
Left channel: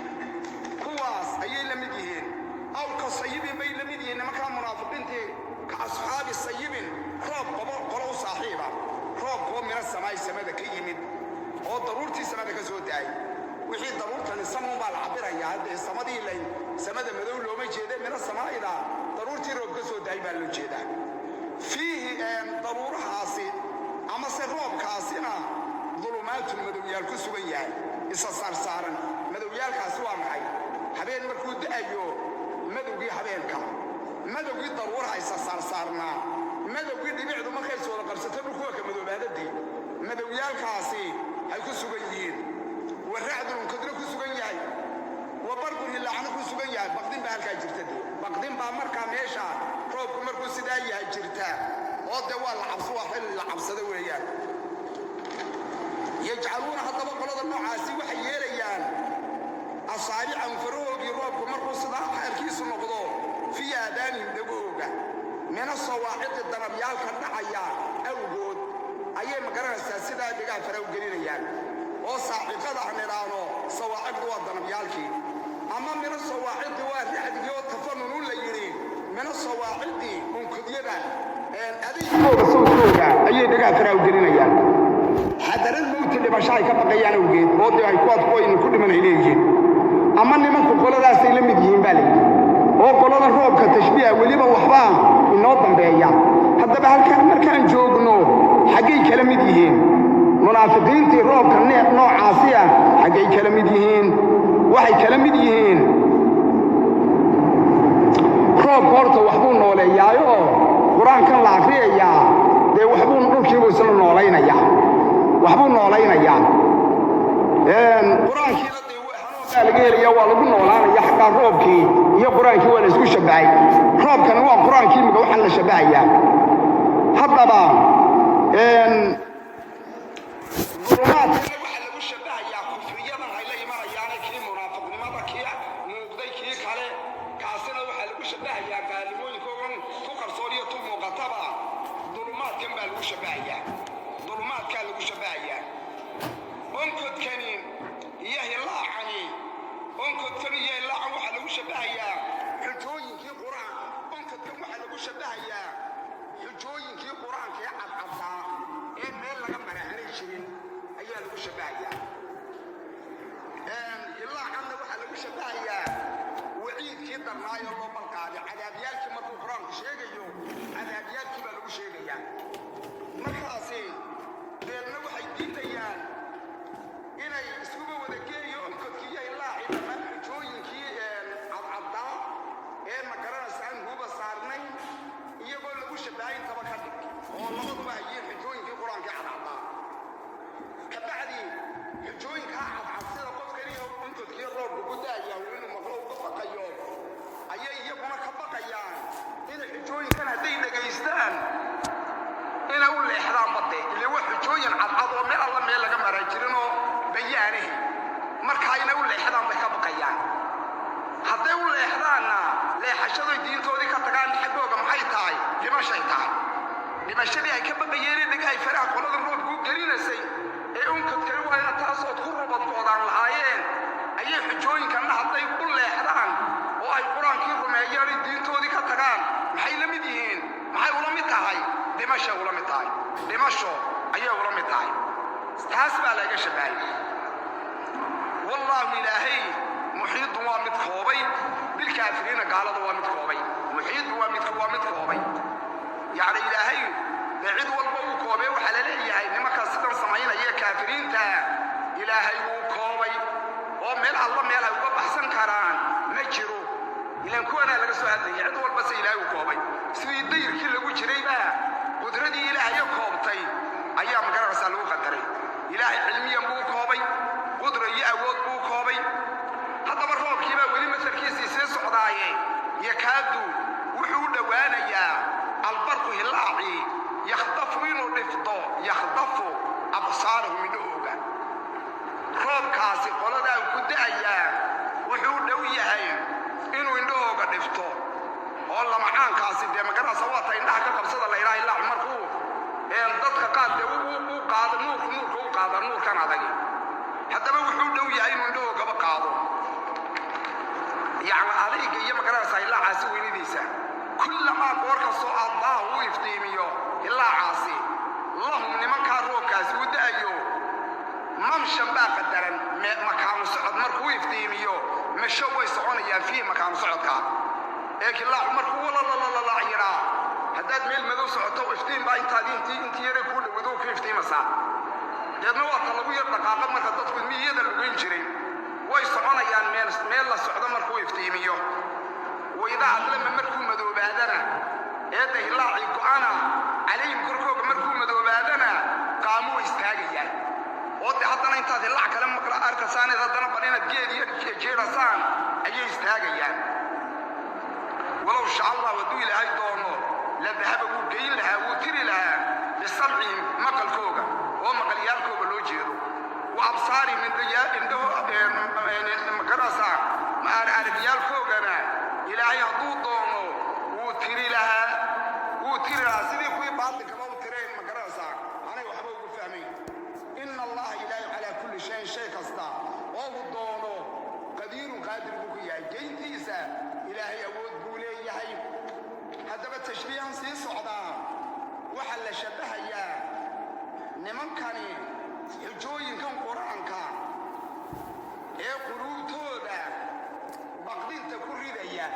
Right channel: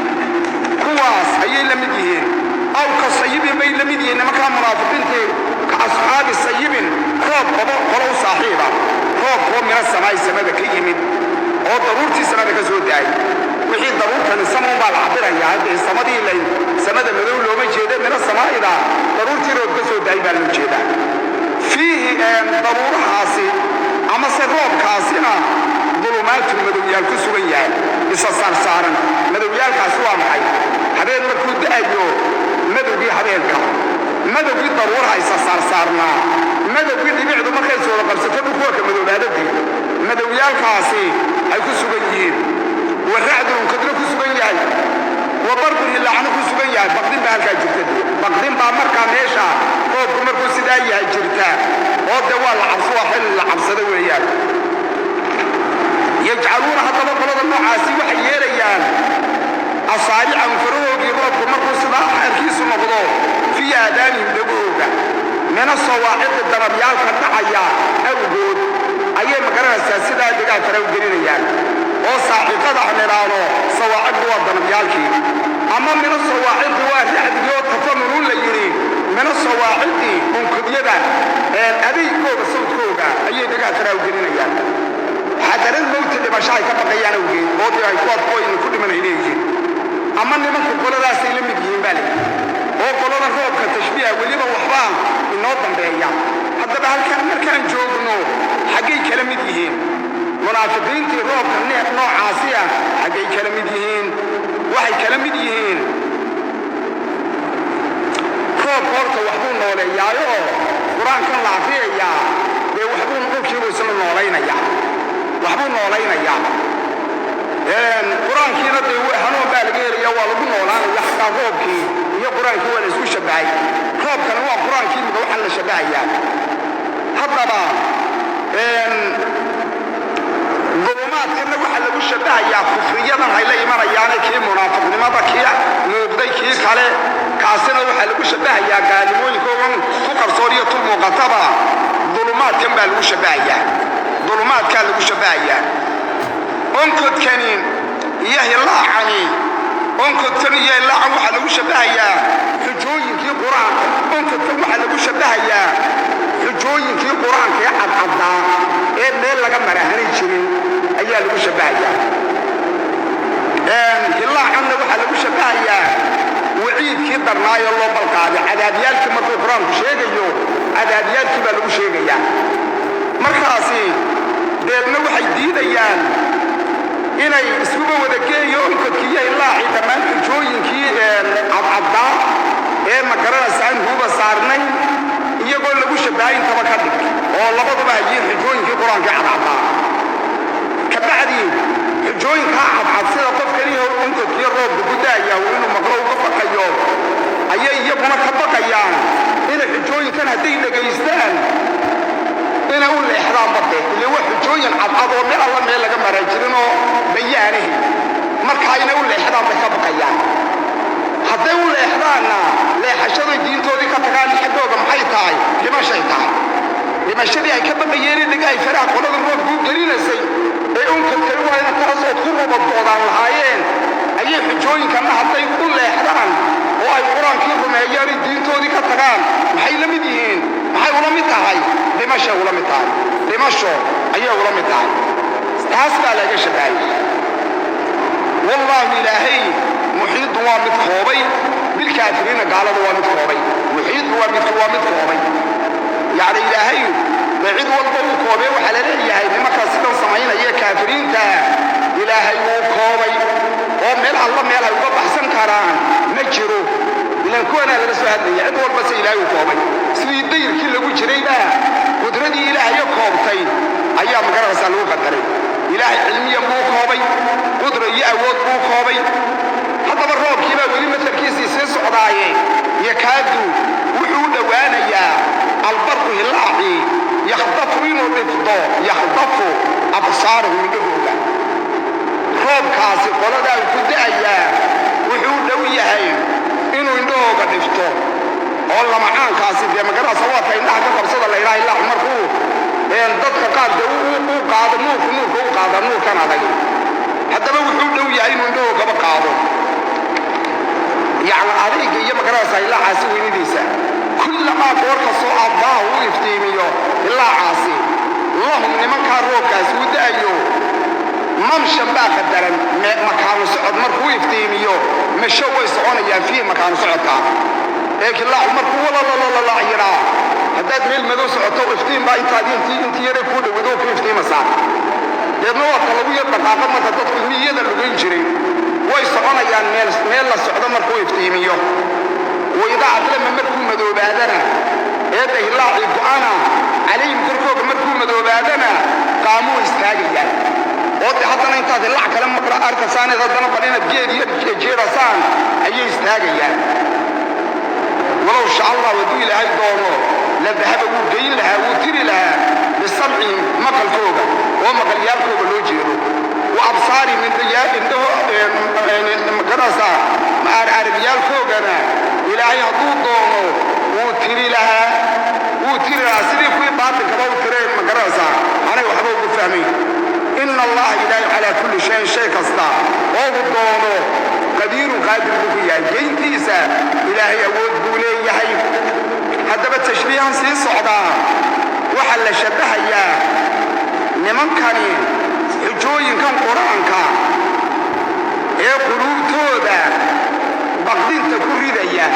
kuwaas ayay la mid yihiin aw ka sayibin bay la mid yihiin nimankaa munaafiqiintii ka asxaabi sayibin roob qolo u saaxiiba roobkoo mina samaay samada ka yimid oo daruurtii samada ka soo da'ay wixii daruurtani samuun baa la cabirayaa haddee samadii samada madow looma jeeda mina samaa'ida daruurtii roob ka soo da'ay baa loo jeedaa fiihi daruurahaasi amase roobkaasina dulumaatun madowyaal ku sugan yahay isa saarsaaran madowyaalkaasi waa maxay habeen markuu da'ayo madowgii habeenka madowgii daruuraha isa saarsaarnaa madowgii dhibicdu markay sooda qabsato dhulkuwaka madowbaadadii madowyaalkaasi ay ku sugan yihiin wa racdun unkadna ku sugan yahay wa bardun hilaacna ku sugan yahay baqdin baa halkaa jirta baqdin baa markaa meesha roobku markuu sidaa yahay jirta oo de waa la cabso waa xilli la cabsado weeyaan yajcaluuna haddaba qolada noocaasi waxay yeelayaan asaabicahum farahoogii roobku markuu sidaa xaalkiisu noqdo fii aadaanihim dhegahooga mina sawaaciqi darabyaalka dhacaya awgood ayay magaranaysaa sidaa degaha fara u gelinayaan oo saaciqada aan idhaahdo sawaaciqdu waa darabyaalkii ama mina sawaaciqi waa racdigii oo tafanunun la yidhi mina sawaaciqi unkudyada adeygooda sawkooga ayay degaha fara u gelinayaan xadaran mawti dhimasho ay ka baqayaan awgeed moodii ay kuwadkooyni ku dhiman ay leeyihiin ama nimanku qoladaasay la mid yihiin baa layidhi oo qolada roobka tashbiiha weliba waxbaa inoo dambeeya haddaba halkan markaan joogno xaggay kala mid yihiin munaafiqiintii roobka noocaasi ah xaggay kala mid yihiin waxay kala mid yihiin horta waxbuu nooleeyaayo qur-aankan la akhriyayaa dee waxbuu dhulkiibuu isla noolaynayaa waxbuu noolaynayaa qur-aankiina dee hanuun baa laga helaya waa lagu noolaanaya xataa roobkii iyo qur-aankii waa la isku shabahay roobkana waa qur-aankii mida waxaan la shabahayaa haddaba dulumaadkana waxaa lagu shabahayaa kufriyadan ay la imanayaane kii munaafiqnimada kii muuqday kii kale kaasina waxaa lagu shabahayaa gaalimooyinkoogan ku qarsoon iyo tu muuqataba dulumaadkan baa lagu shabahayaa dulumaadkaa lagu shabahayaa onkodkani iyo hilaacani onkodkan iyo hilaacan waxaa lagu shabahayaa xujooyinkii qur-aanka onkodkan waxaa lagu shabahayaa xujooyinkii qur-aanka ee cadcaddaa ee meel laga marahanay jirin ayaa lagu shabahayaa hilaacanna waxaa lagu shabahayaa waciidkii darnaayo loo balqaaday cadaabyaalkii markuu qur-aanku sheegayo cadaabyaalkii baa lagu sheegayaa markaasi deedna waxay diidayaan inay iskuba wada geeyo onkodkii iyo hilaacii dhammaan xujooyinkii cadcaddaa ee magaranaysa aan huuba saarnayn iyagoo lagu shabahay intaba ka dhig oo labaduba hayiin xujooyinkii qur-aankii cadcaddaa kabacdi xujooyinkaa cadcad sida qof keliya onkodkiiyo roobka ku daaya inuu maqlo uga baqayo ayay iyaguna ka baqayaan inay xujooyinkan hadday dhegaystaan inay u leexdaan badde ile waa xujooyin cadcad oo meel alla meel laga maraa jirin oo bayaanahi markaa inay u leexdaan bay ka baqayaan hadday u leexdaanna leexashaday diintoodii ka tagaan xaggooga maxay tahay dhimashay tahay dhimashadii ay ka baqayeen dhiga ay faraha qolada roobkuu gelinaysay ee unkadkay waa ina taasood ku rubadoodaan lahaayeen ayay xujooyinkanna hadday u leexdaan oo ay qur-aankii rumeeyaan ay diintoodii ka tagaan maxay la mid yihiin maxay ula mid tahay dhimashay ula mid tahay dhimasho ayay ula mid tahay taas baa laga shabahay wallaahi ilaahay muxiidu waa mid koobay bilkaafiriina gaalada waa mid koobay muxiidu waa mid koobay yacni ilaahay cid walba uu koobay waxaa la leeyahay nimankaas sidan samaynaya kaafiriinta ilaahay wuu koobay oo meel alla meel ay uga baxsan karaan ma jiro ilaan kuwanaa laga soo hadlaya cid walba se ilaahay uu koobay sidii dayrkii lagu jirayba qudradii ilaahayo koobtay ayaa magaranaysaa lagu qadaray ilaahay cilmiyan buu koobay qudra iyo awood buu koobay haddaba roobkiibaa weli matalkiisii sii socdaaye yakaadu wuxuu u dhowaanayaa albarku hilaacii yakhdafu inuu dhifdo yakhdafu absaarahu indhahooga roobkaasi qoladaa uu ku da'ayaa wuxuu u dhow yahay inuu indhahooga dhifto oo lamacaankaasi dee magaranaysa waata indhaha ka qabsada la yidhaha ilaac markuu dadka qaadda u qaado nuurka u qaada nuurkan adag haddaba wuxuu dhow yahay inuu indhahoogaba qaado yacni adayga iyo magaranaysa ilaacaasi weynadiisa kullamaa goor kastoo abbaahu u iftiimiyo ilaacaasi lahum nimankaa roobkaasi u da'ayo mamshan baa qadaran makaanu socod markuu iftiimiyo mesho way soconayaan fiih makaanu socodkaa ilaacu markuu walalala yidhaa haddaad meel madow socoto iftiin baa intii yaray kuu dhowado ku iftiimasaa deedna waa ka lagu yar dhaqaaqa marka dadku miyada lugayn jiray way soconayaan meel la socdo markuu iftiimiyo waydaa cadlama markuu madoobaadana eedda hilaacii go'ana calayhim korkooga markuu madoobaadana qaamuu istaagayaan oo de haddana intaad hilaac kale maqra arkasaaneed haddana bal inaad geed iyo jeedasaan ayay istaagayaan walow sha allah hadduu ilaahay doono la dahaba wuu geyn lahaa wuu tiri lahaa bisamcihim maqalkooga oo maqalyaalkooga loo jeedo wa absaarihim magarasa arabyaalkoogana ilaahay hadduu doono wuu tiri lahaa sidii kuwii baatinkaba u tireen magarasa anay waxba ugu fahmayn ina allaha ilaahay calaa kulli shayin shay kasta oo uu doono qadiirun qaadir buu ku yahay geyntiisa ilaahay awood buu leeyahay haddaba tashbiihan sii socdaa waxaa la shabbahayaa nimankani xujooyinkan qur-aanka ee quluubtooda baqdinta ku ridaya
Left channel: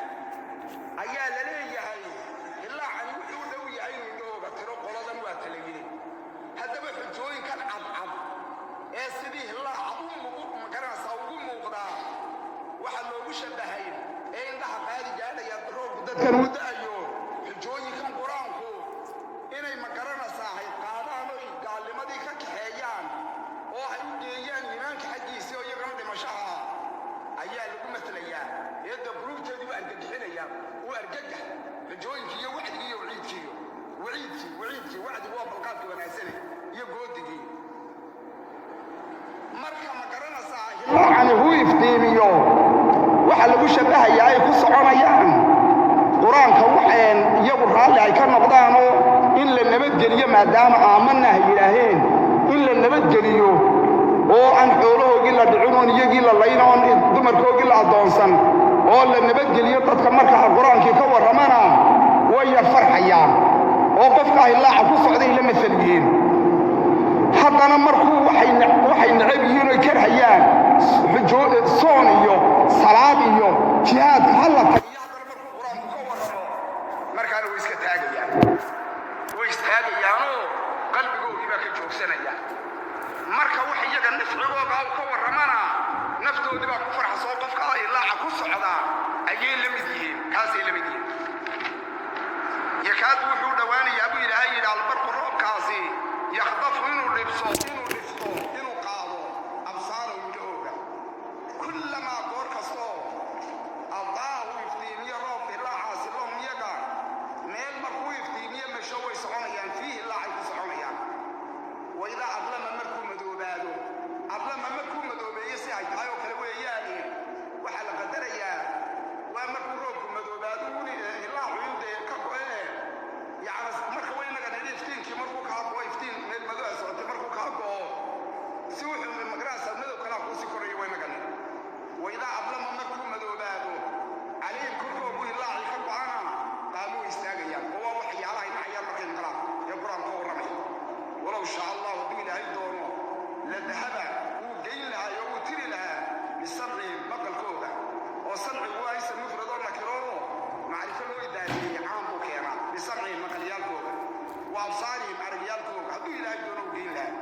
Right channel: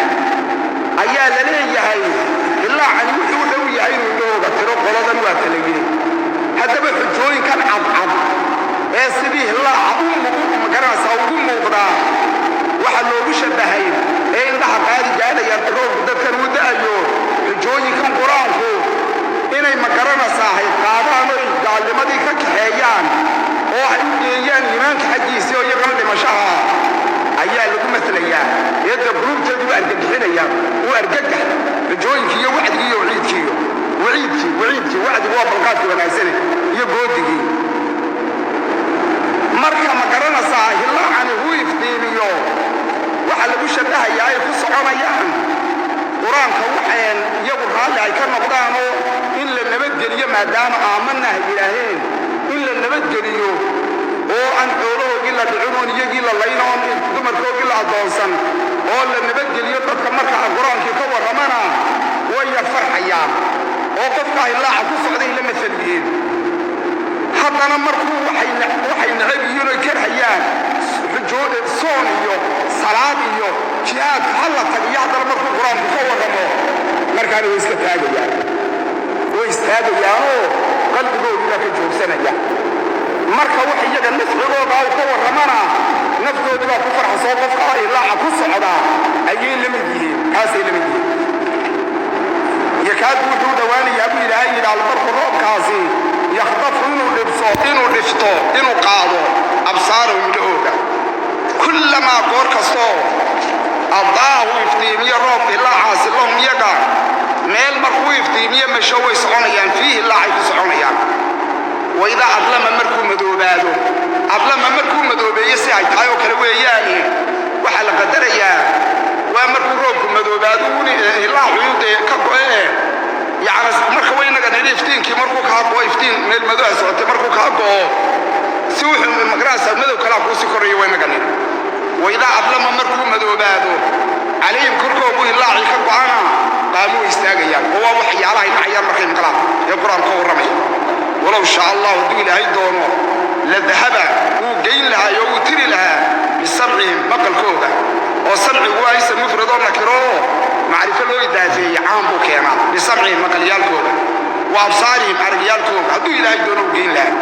ayaa la leeyahay ilaacani wuxuu dhow yahay inuu indhahooga tiro qoladan waa kala yiri haddaba xujooyinkan cadcad ee sidii hilaaca magaranaysaa ugu muuqdaa waxaa loogu shabbahay ee indhaha qaadi gaadhayaan roobku dadkan u da'ayo garanaysaa hay qaadaan oo gaalnimadii ka kaxeeyaan oo ay u geeyaan iimaanka xaggiisii oo iyagana dhimashaha ayaa lagu matalayaa eedda gruubteedu u argagixinayaan u argagax rajooyinkii iyo wacdigii iyo waciidkii wacdigu waa balqaadkii wanaagsane iyo goodigii marka ma garanaysaa hilaacani huu iftiimiyo waxaa lagu shabahayaa ay ku soconayaan qur-aanka waxeen iyagu raalli ay ka noqdaanoo in la nabadgeliyo maadaama aamanna ay yidhaaheen in la nabadgeliyo oo aan xoolahoogii la dhicinoon iyagii la laynoon dumarkoogii la addoonsan oo la nabadgeliyo dadka marka qur-aankii ka warramana waya farxayaan oo qofka hilaaca ku socday la masaliyeen haddana markuu waxay necab yihiin oy karhayaan soon iyo salaad iyo jihaadka hallata iyo haddana markuu qur-aanku ka warramo markaana way iska taagayaan way istaagayaanoo qalbigoodii baa ka joogsanaya marka wax iyaga nafcigooda ay ka warramana naftoodii baa ku farxasoo qofka ilaaca ku socdaa ayay la mid yihiin kaasay la mid yihiin yakaadu wuxuu dhowaanayaa buu ilaahay yidhi albarku roobkaasi yakhdafu inuu dhifto inuu qaado absaarahum indhahooda kullamaa goor kastoo addaahu iftiimiye roobka ilaacaasi lahum iyaga meel markuu iftiimiye masho way soconayaan fiihi ilaacay ku soconayaan waidaa adlama markuu madoobaado adlama markuu madoobeeye si ay tahay oo kale weeyaani waxaa la qadarayaa waa markuu roobku madoobaado ilaacuyude ka go'e yacni marka waynaga nidhi iftiinkii markuu kaa go'o iftiin meel madoha socotay markuu kaa go'o si wuxuu magarasa madow kalaa kuusii korreeya waynaga nidhi waidaa adlama markuu madoobaado calayhim korkoogu ilaacii ka go'ana qaamuu istaagayaan oo waa waxyaalahay nacayaan markay maqlaan ee qur-aanka ka warramaya walow shaa allah hadduu ilaahay doono la dahaba wuu geyn lahaa oo wuu tiri lahaa bisamcihim maqalkooda oo samcigu waa isa mufradoo nakiroo macrifo loo idaafeeyey caan buu keenaa bisamcihim maqalyaalkooda wa absaarihim aragyaalkooda hadduu ilaahay doono wuu geyn lahaa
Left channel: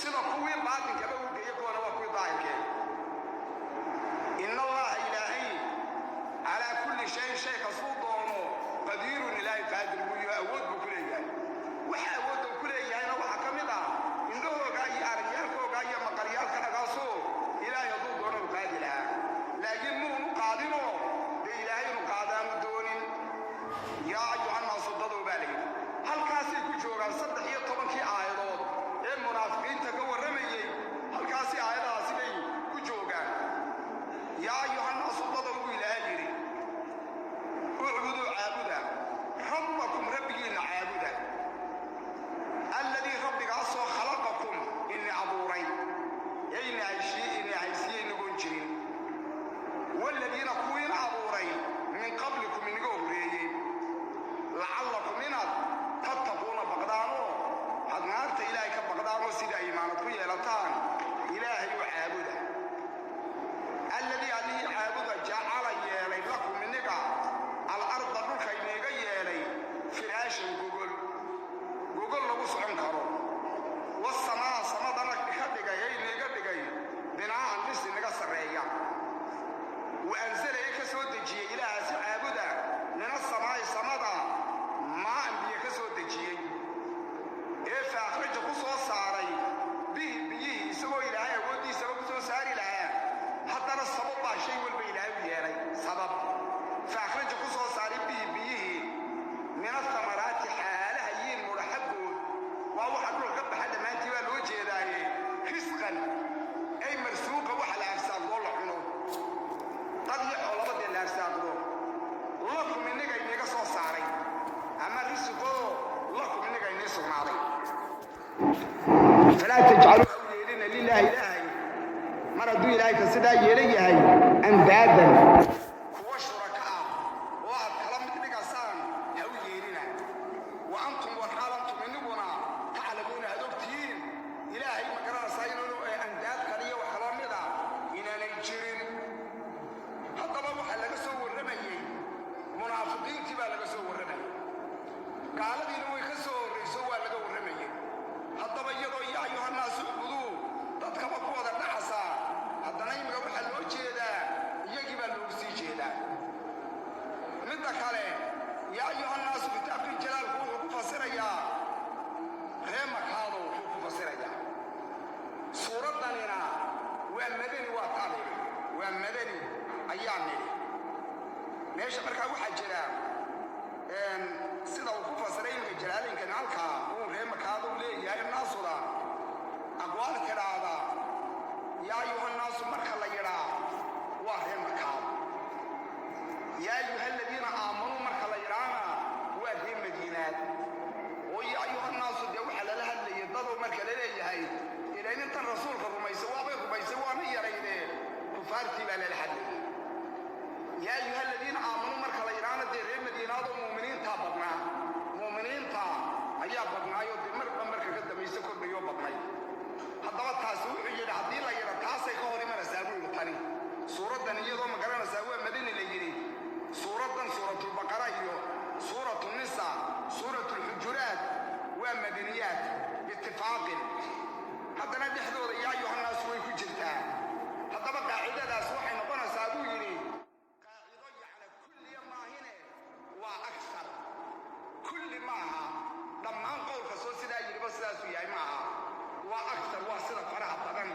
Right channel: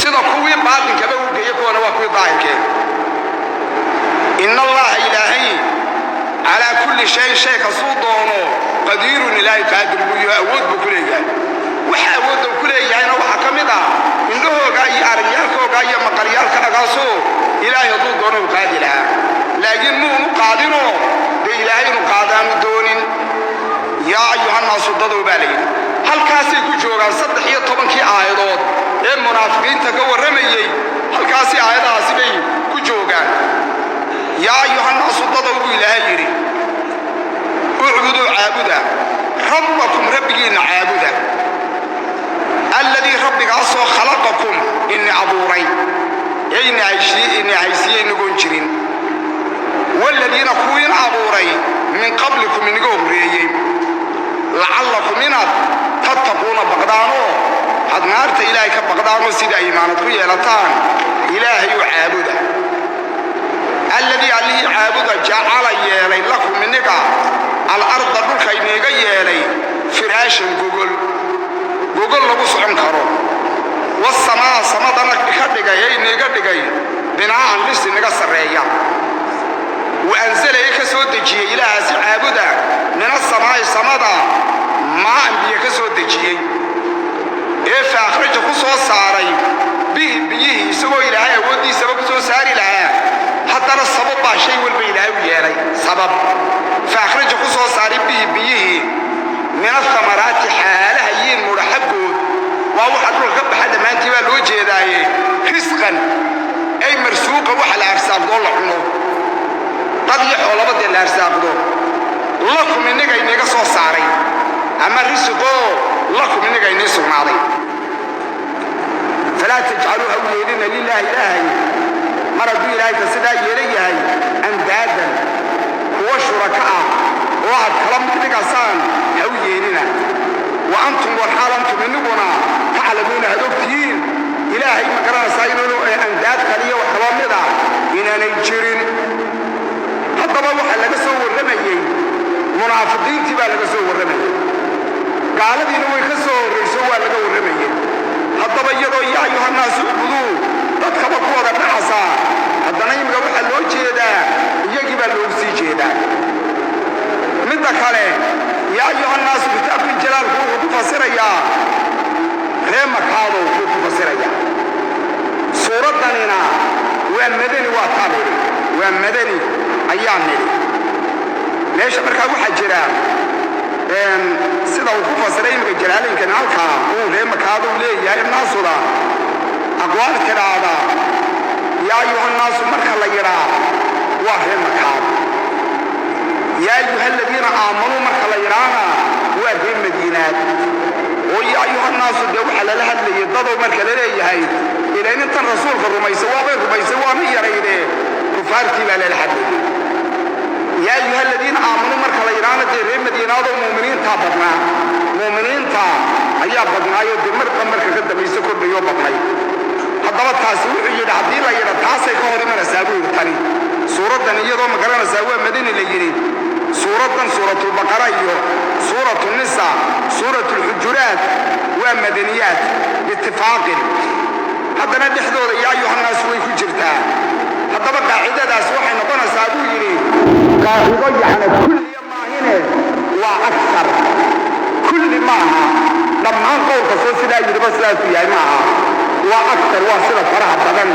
sida kuwii baatinkaba uu geeye kuwana waa kuwii daahirkeeda ina allaha ilaahay calaa kulli shayin shay kasuu doono qadiirun ilaahay qaadir buu iyo awood buu ku leeyahay waxa awoodda uu ku leeyahayna waxaa ka mid ah indhahooga iyo aragyaalkooga iyo maqalyaalkaagaasoo ilaahay hadduu doono uu qaadi lahaa laakiin muunu qaadinoo dee ilaahay inuu qaadaanu doonin yaa ayuhannaasu dadow baa layidhi halkaasay ku joogaan 13 aayadood ee munaafiqiinta ka warramayey halkaasi aayadahaasi bay ku joogaan yaa ayuhannaasu dadow buu ilaahay yidhi ucbuduu caabuda rabbakum rabbigiinna caabuda alladii rabbigaasoo khalaqakum inni abuuray ee inni haysiiyey inagoon jirin waaladiina kuwiina abuuray min qablikum inaga horreeyey lacallakum inaad tattaquuna baqdaanoo had naarta ilaahay ka baqdaanoo sida ay imaanad ku yeelataan ilaahay u caabuda alladii allihii caabuda jacala yeelay lakum iniga alarda dhulka iniga yeelay firaashan gogol lagu socon karo wasamaa samadana ka dhigay ee iniga dhigay binaa'an dhis inaga sarreeya wa anzala ka soo dejiyey ilaahaasi caabuda min asamaa'i samada maa'an biyo ka soo dejiyey ee fa akhraja ku soo saaray bihi biyihii isagoo ilaahay awooddiisaba ku soo saari lahaa haddana sabab baa shay walba ilaahay u yeelay sabab fa akhraja ku soo saaray bihi biyihii min athamaraati xaalaha yiin mudha xaggood waa waxa dhulka ka baxa dhammaantii baa loo jeedaaye risqan ay marsuuqa waxa la arsaaqdoo la cuno dad iyo xoolaba dee la arsaaqdo lakum inaga inaga soo saaray ama risqoo lakum inaga inii sugnaaday falaa tajcaluu ha u yeelina lilaahi ilaahay mar hadduu ilaahay ka sidaa yeelan yahay andaadan kuwa shuraka ah oo aad kala mid dhigasaan ha u yeelina wa antum walxaal antum iniguna taclamuuna had ogtihiin ilaahay ma garanaysaa inuunu andaad kaliya wax kala mid ah inaanay jirin haddaba waxaa laga soo warramayey munaafiqiintii baa laga soo warramayey gaaladiina way ka soo horrayso waa laga warramayey haddaba iyadoo yaa ayuhannaasu ucbuduu dadkaba ku wada dhaxasaa haddana imika waxaa loo jeedaa iyagii baa loogu sii jeedaa midda kale yaa ayuhannaasu kitaabkii jalaalku wuxuu ku fasirayaa ومدني وطالب ومدني أيام ليش مركا وحجرا سيدا وقوفا سرين بجلالين كنالكا وليه مكادو ليه يا الناس ولا أقوال كرادا يا أيها الناس مركا ليرا وهي مكاد يا أيها الذين آمنوا مركا ليرانا وهي مدينات ويا أيها الناس الدوح على لها اللي يضضوا مركا ليه هاي إلى أن أنت الرسول في الرميسوا مية ريده كفارتي بلا الحد يا أيها الذين آمنوا مركا ليرانا دي مدينة ومؤمنين تابدنا مؤمنين تا أيها بدنا يودي مركا كده بيسكر بيوم بطني هذا التاسوع يجد عديل يجد تاسع كهري من السابوع الثاني سورة دنيا ذو مقرن السابوع مدينة اللي سورة البقرة سورة النساء سورة الحجرات ومدنيات باتفاق هذا ندحضر يا أيها الناس ويكون جرتا هذا بقى عدد أسوح نقول سابوع يري قاعد يعني كل ما هنا وأكثر كل معها لما نقول قصص لا يجب بس لا فيها معها وأكثر وصلة فرح بدن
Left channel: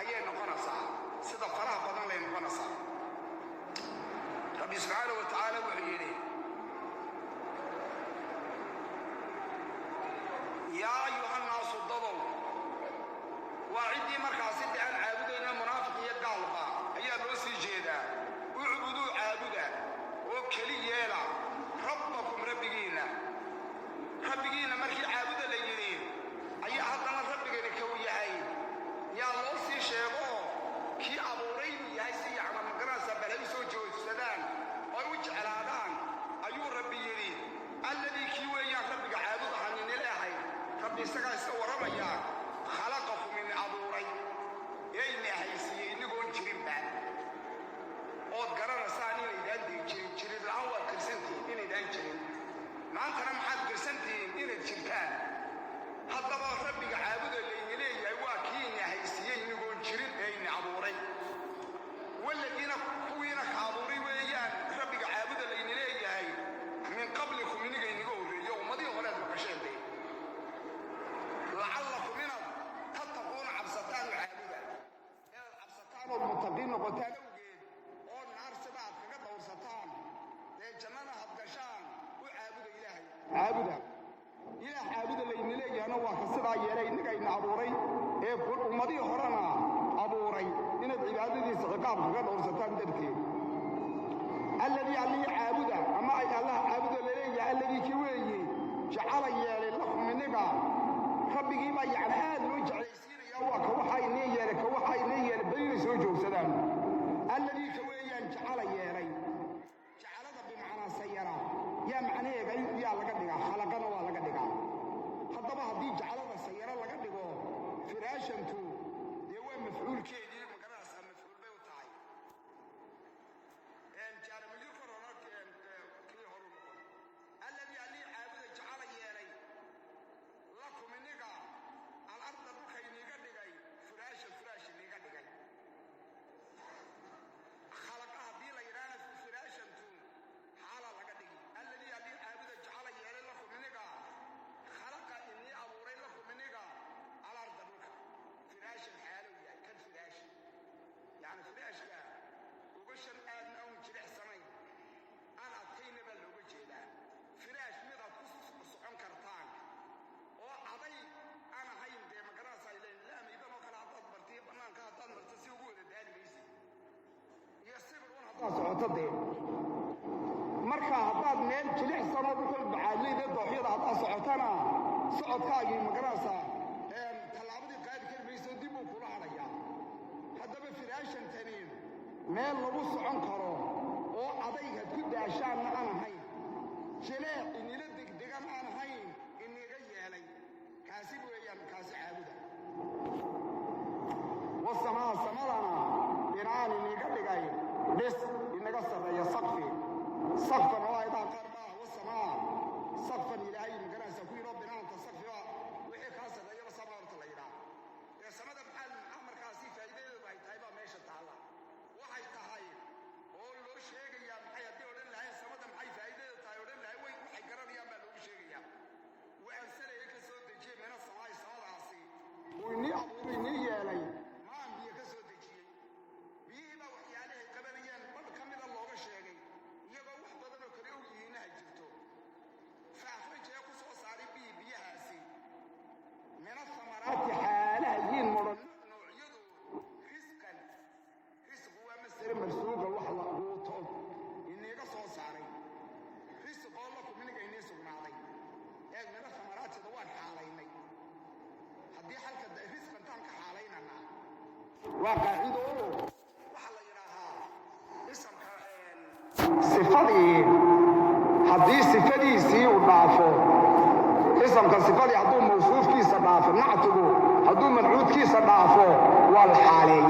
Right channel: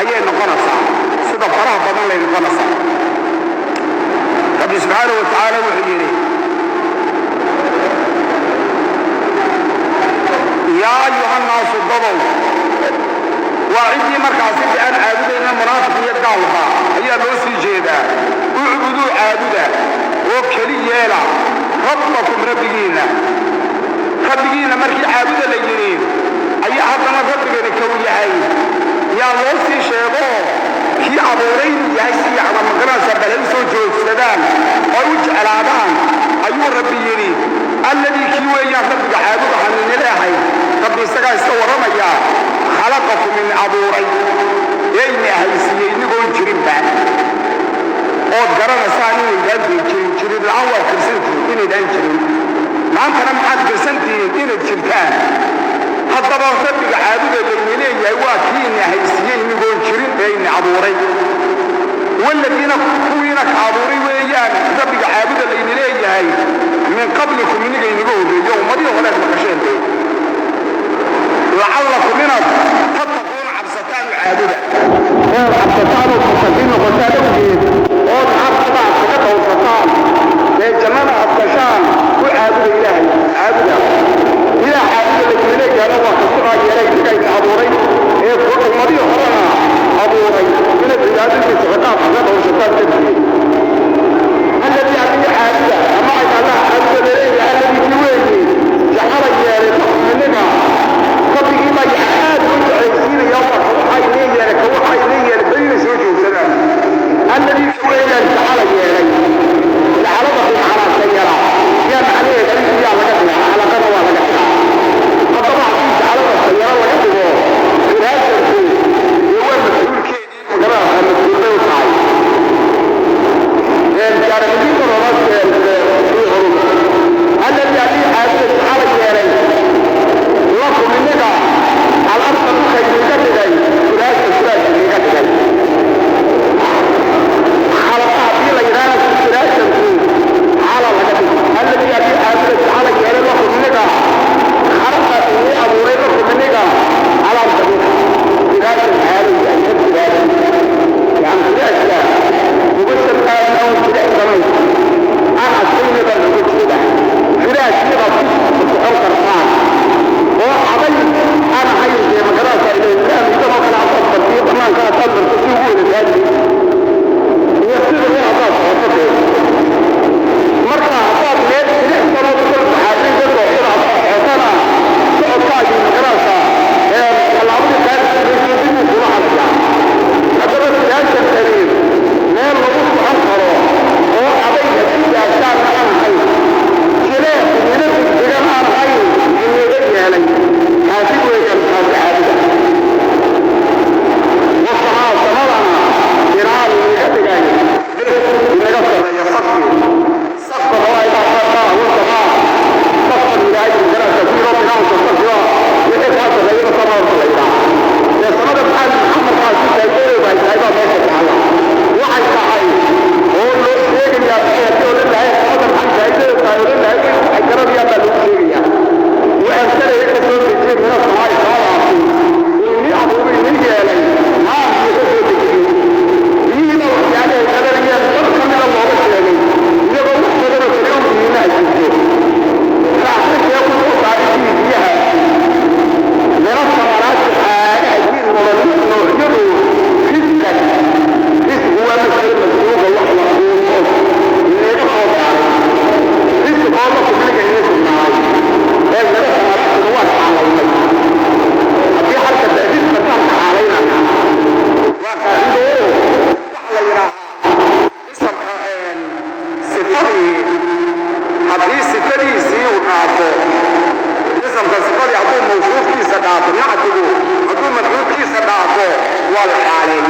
أيه نقنصة صدق فرح بدن لي نقنصة رب سبحانه وتعالى وحيري يا أيها الناس الضبوا وعندي مركز بأن عابدين المنافقية الدعوة هي لوسي جيدة اعبدوا عابدا وكليالا ربكم ربكينا مركي عابدا لجنين أي أحدنا ربكينا كويهاي يا لوسي شيبو كي عبورين يحسي على مقرنة بلنسو جوز سدان ويوج العبان أيو ربيني الذي كيوه يا ربك عابدا حنين الهي ربي سقا يستورم يا خلقكم من عبورين ييني أهيسي نقول جريبا oo garanaysan inay daadin jirin la'aan kirsantii inay daan jirin maanta maxaad kirsantii inay jirtaan haddaba rabbiga caabuda leeyahay waa kiina haysiyay inagoo jirin bayna abuuray walladina kuwiina ka abuuray weeyaan rabbiga caabuda leeyahay min qablikum inaga inagoo horeeyo umadii hore ka qasheenay la'allakum minad tattaqun absatan caabuda oo absatan oo qasdin qasdin جمال عبدشان وعابد إلهي عابد إلى عابد الذي قال الله خصوصا يليك كيف عبوري يقول المريض خرنا عبوري من البلاد التي تعطاق هذا وشتات تبكي الذي عبد عابد أما إذا الله عابد إليه الذي يويني جحر يالي مننا قبل إما يحاد كنت عيسين يوم وحي إليه لك وحي إليه بين سوجه سلام الذي يويني جحر يالي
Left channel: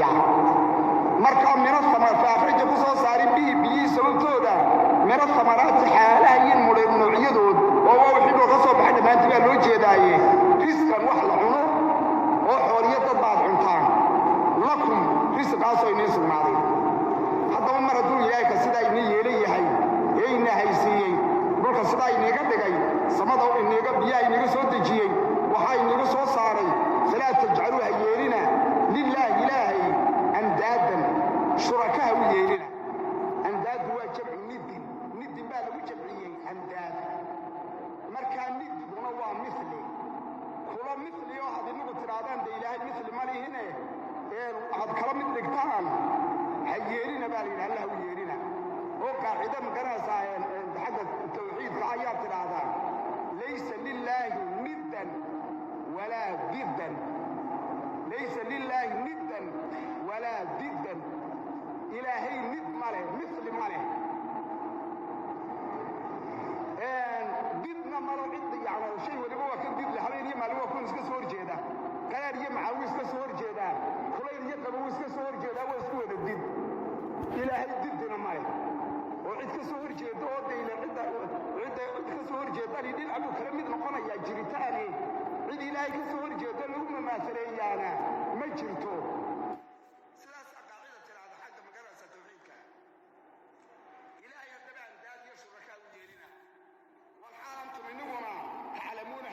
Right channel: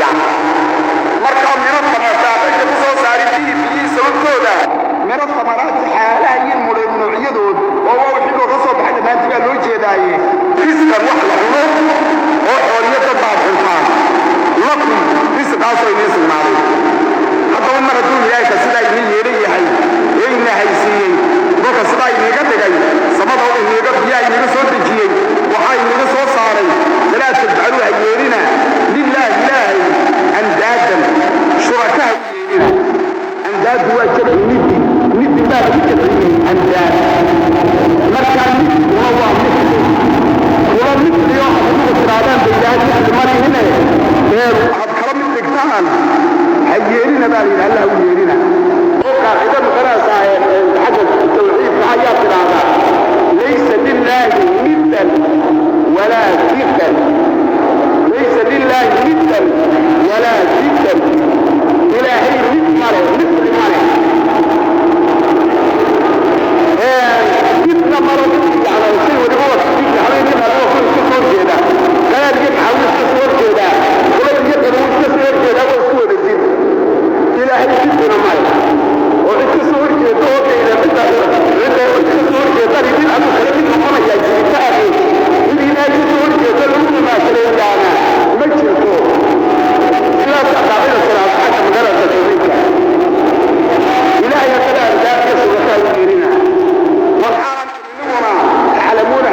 saaraya marka miro tamaraadka ku soo saaray biyo sababtooda miro tamaraad xaalaha iyo noocyadooda oo wixii ka soo baxay maanta loo jeedaaye iskan wax la cuno oo xooliyada baabxuntaan lakum isqaas ay nismaaday haddaba mar hadduu ilaahay ka sidaa idin yeelayahay ee ina haysiiyey dadka sidaa inaga dhigay samada oo inaga biyaha inaga soo dejiyey waxaa inaga soo saaray laa tadcalu ha yeelina lillahi ilaahay andaadan shurakaha yeelina andaadu waa jabci nidi baa lagu jabciyey andaad markaa nidkuna waa mithli kuwa mithliyo adigu tiraadaan ba ilaahay mithli marihine ee waxaad kala mid dhigtaan ha yeelina baa layidhi allah u yeelina oo qaacida magaraasaa xagga tawxiidka ayaa tiraahdaa laysa lillaahi niddan walaa diddan laysa lillaahi niddan walaa diddan ilaahay nid male mithli male didna maro yani shay waliba waa didka habeenkii adoo ku iska soo jeeda gayaad iyo maxawil iska soo horjeedaa kulay iyo qabuul iska soo horjeedaa waa isku wada did ilaahay didina male oo iska soo horjeeda oo kayda midda iska soo horjeedani mid aduu kale mid noqonayaa jiritaani mid ilaahay iska soo horjeeda lagu dhimaatirayaana ma jirto sidaas aqaacida salaad xagga magaalada tawxiidka ilaahay kala ardaadka sugataa u yeelina waxaan inaguna تعلمون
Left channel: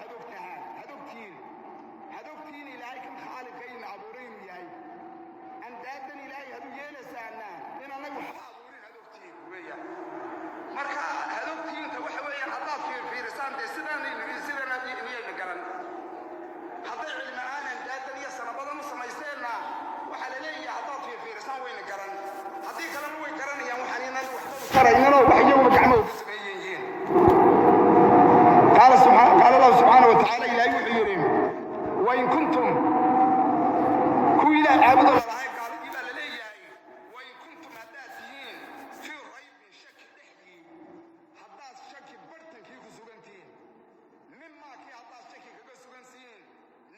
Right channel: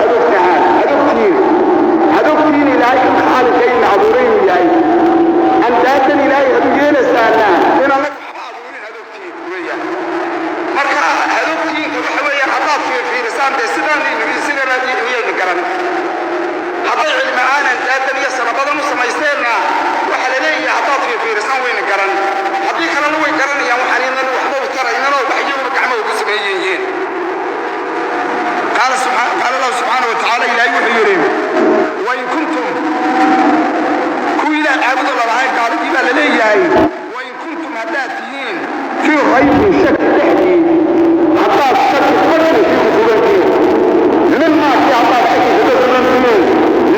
هدوكتين إلهي كم خالق إن عبورين إلهي أندادا إلهي هدوكين سانا إنا لك عبورين هدوكتين ويا مركا هدوكتين وحوية حطات في رسام دي سنان لنبي سنة راجي ويا نكرن حطي علم آنا أندادا يسر بدن سميستيرنا وحلالي حطات في رسام وين نكرن حطي كلام وين كرن يا محرين الوحدة وترى إننا وبحيهم بكعمه وكسبيين قال الله سبحانه وتعالى إلى يوحيرين وإن كنتم كويلا عبد الله قال إذا لليهي وإن كنتم هداتين في غيب شك تحدي عطاء شك فرق في قبولتين مما في عطاء شك تدخلون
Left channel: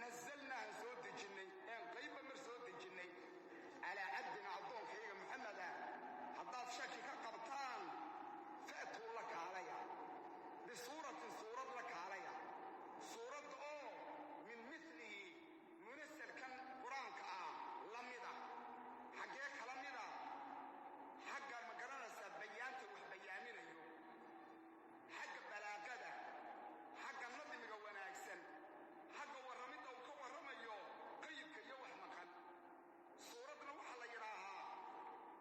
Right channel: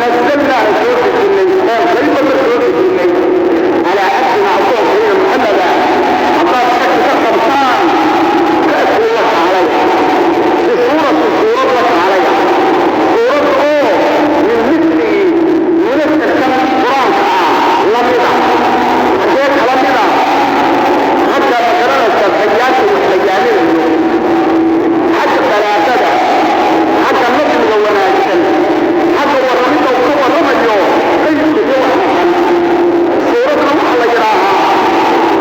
نزلنا سورة الجنين غيبة سورة الجنين على عبدنا عطاء غير محمدا عطاء شك تخبطان كأس الله عليه بصورة لك عليها صورة من مثله ونفس الكلام القرآن لمدة حكيت لمدة حتى مكررة الحيات والحيانين حتى ثلاثة حتى النظم والناجل حتى ورميته وكوى رميه ليس جوه محل صورة روح الله يراها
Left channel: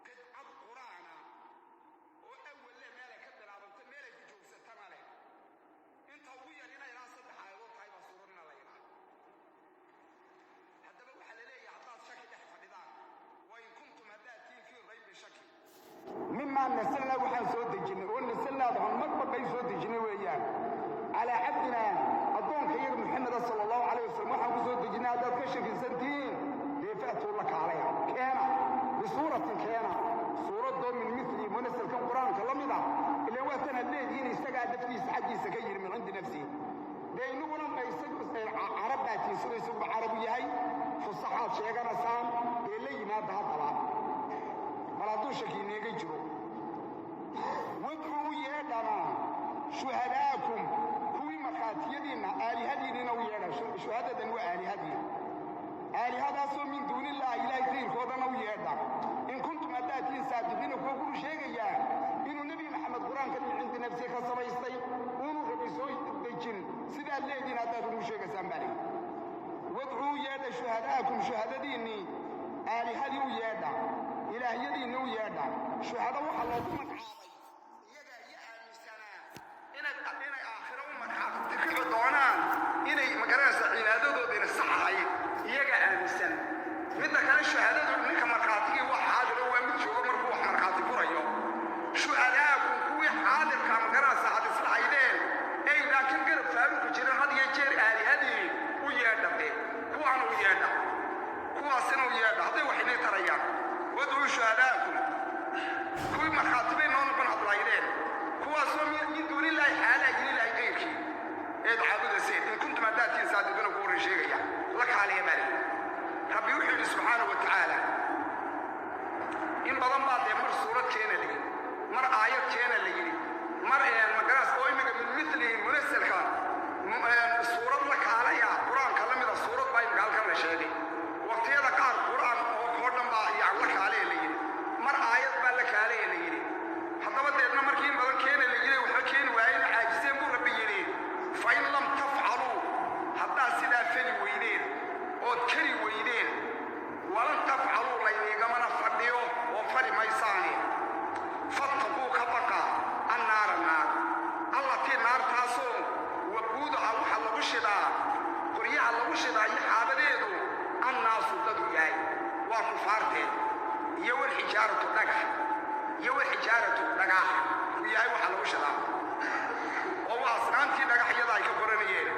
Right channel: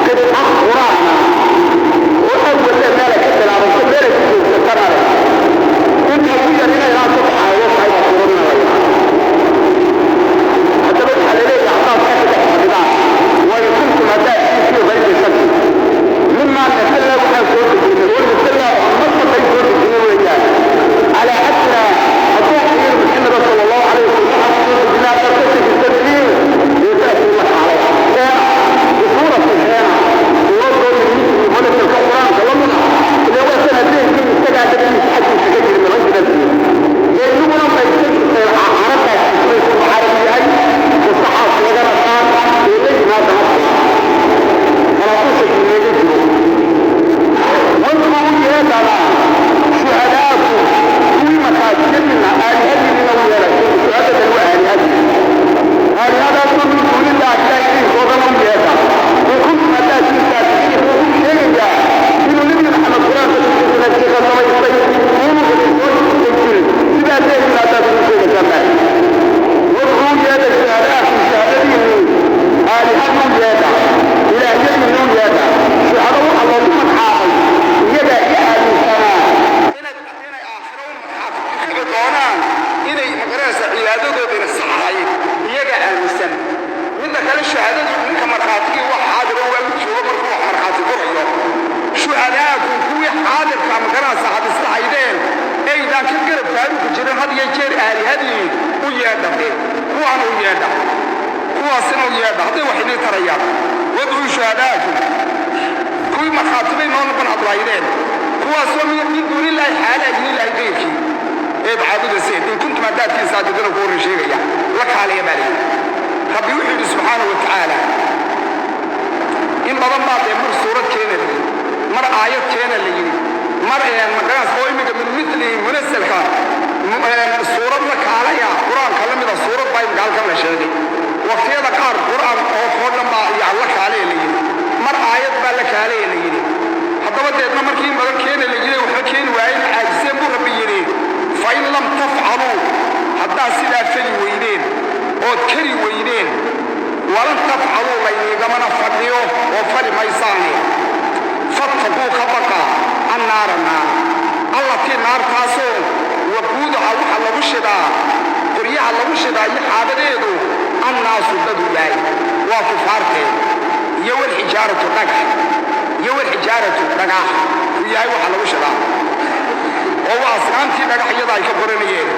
كده الأخ قرآن وأول ذلك كده العرب كبيرة تذكرها كنت أقول لنا لا تضحى وضحى وقرنا ويها حتى بدحى لليه أعطاب كتب احتضاء وإن كنتم أداء في غير شك مما تسلى وحان سورة الجنة والمسلى ومصر بين سورة الجنة وإياه على حتى أطوح إلى محمد صلى الله عليه وسلم سورة الجنة ترتكب التسليم يتأتي الله عليها بصورة الحيانة ووضعوا من ملك القرآن كلامنا اللي هو سنتين من استجعت به حج الشجر من رجل الدين لأنه لما يستجد عرفها في العربي أي والصحاب وغير الصحاب إليه ما تنصر فلا توصل من يجده واذكروا هذا شهداءكم في مساجدنا آلهة من ويركم شهادة وآلهة آلهة من دون الله إليه وظلم بهذا وكنتم أتاتي ساتين وهم شيئا من نبي محمد صلى الله عليه وسلم شهداءكم كوي حاضر كما كان صاحب الصحيحين اي ذاك القرب كانوا كجيران هذه يجير آلهة ويادا هو أنا ويادا هو سنة ويادا هذا وحين تريا وضعوا شهداءكم كوي مخاطبين نون بن عبد العيدين هو سوى من دون الله حالة من الله غيرك ايه بعبد السيد إن كنت ما دات في صادقين وقول شيء لك علي بالي رب يوحي سبحانه وتعالى إن بدن بعد مر سورة كينا لي مر آيات كينا لي مر مقاس قويمك من مثل منزل كان سورة لك عليها قرآن كلام إذا سورة باين قال كم شيء وقت هذا كار قرآن أو قول لما يعلق عليه لي مر آيات بالك عليه لي حتى بدأنا مر كين بدن كينا لي وحكين وعين عاجزين بربيني فإن لم تفعلوا حتى سيدا فلي وينين أو كري وينين ولن تفعلوا ليني كما نفعلوا وفعل ميساني فاتقوا خبقا النار الله كي نار تاسو وقودها وحا لغو شدا قريها لغو شدا يحابديدو الناس بدو جاي وكفارتين يو الحجارة دقح يو الحجارة دقاح وياي وحا لغو شدا وهو أسرانتي دقح يضاي كبرنيين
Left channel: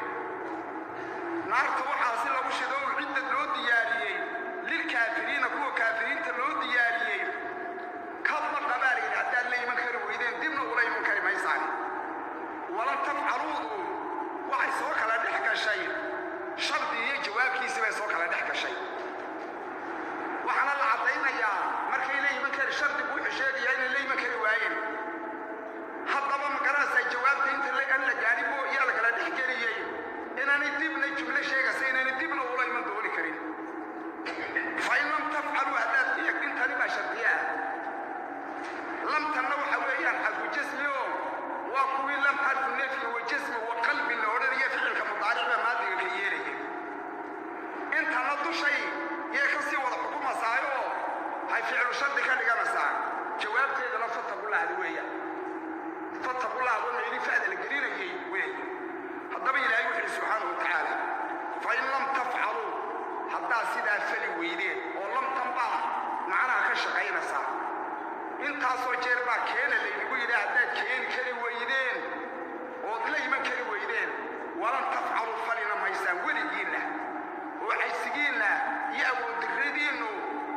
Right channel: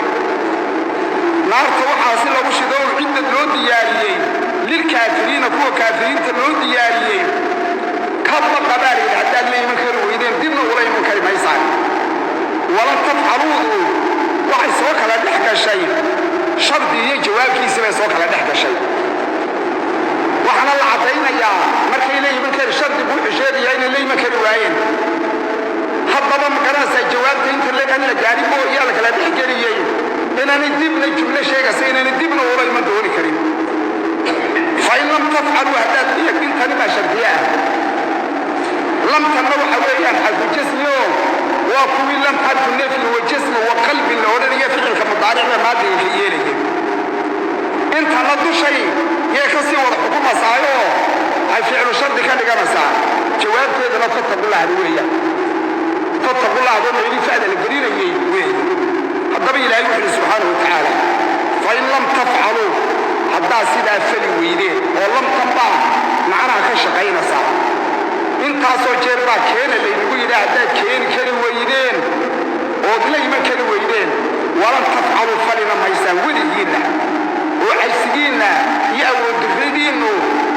نار توحا سلغو شدا وعدة لو دياريين للكافرين كوا كافرين تلو دياريين كبا قباري حتى اللي يمكر ويدين دبنا ولا يمكر ميسان ولن تفعلوه وحي سوك على دحك الشيء شرط جواب كيسي سوك على دحك الشيء وحنا الله عطينا يا مركي اللي يمكر شرط بوح شيء يعني اللي يمكر وعين حضر مقراسة جواب انت اللي كان لجاري بو يالك على دحك الشيء إنني دبنا جملة شيء سينني دبنا ولا يمدوني كريم فإن لم تفعلوا هذا يكون تنبى شرطية لم تنوح ويان حرف الجسم وكوي لم حرف النفل والجسم وقلب الأولى يفعل كمضارع ما دي في يليه انت ندو شيء يكسي والحكومة سايو هاي فعل شرط كان لقى مساء جواب كده لا تتقوا الله هدوية تتقوا الله هدوية يلي فعل القريرة يويه الضبي إلهي وحده سبحانه وتعالى فإن لم تفعلوا حتى سيدا فلي ويدين ولم تنبع معنا كشقين صار انت سو جيربا كين اللي نقول إذا عدد كين كري ويدين ودلي ما كري ويدين ولم تفعلوا فلنا ما يساوينا وعيسينا يأوي الدفيدين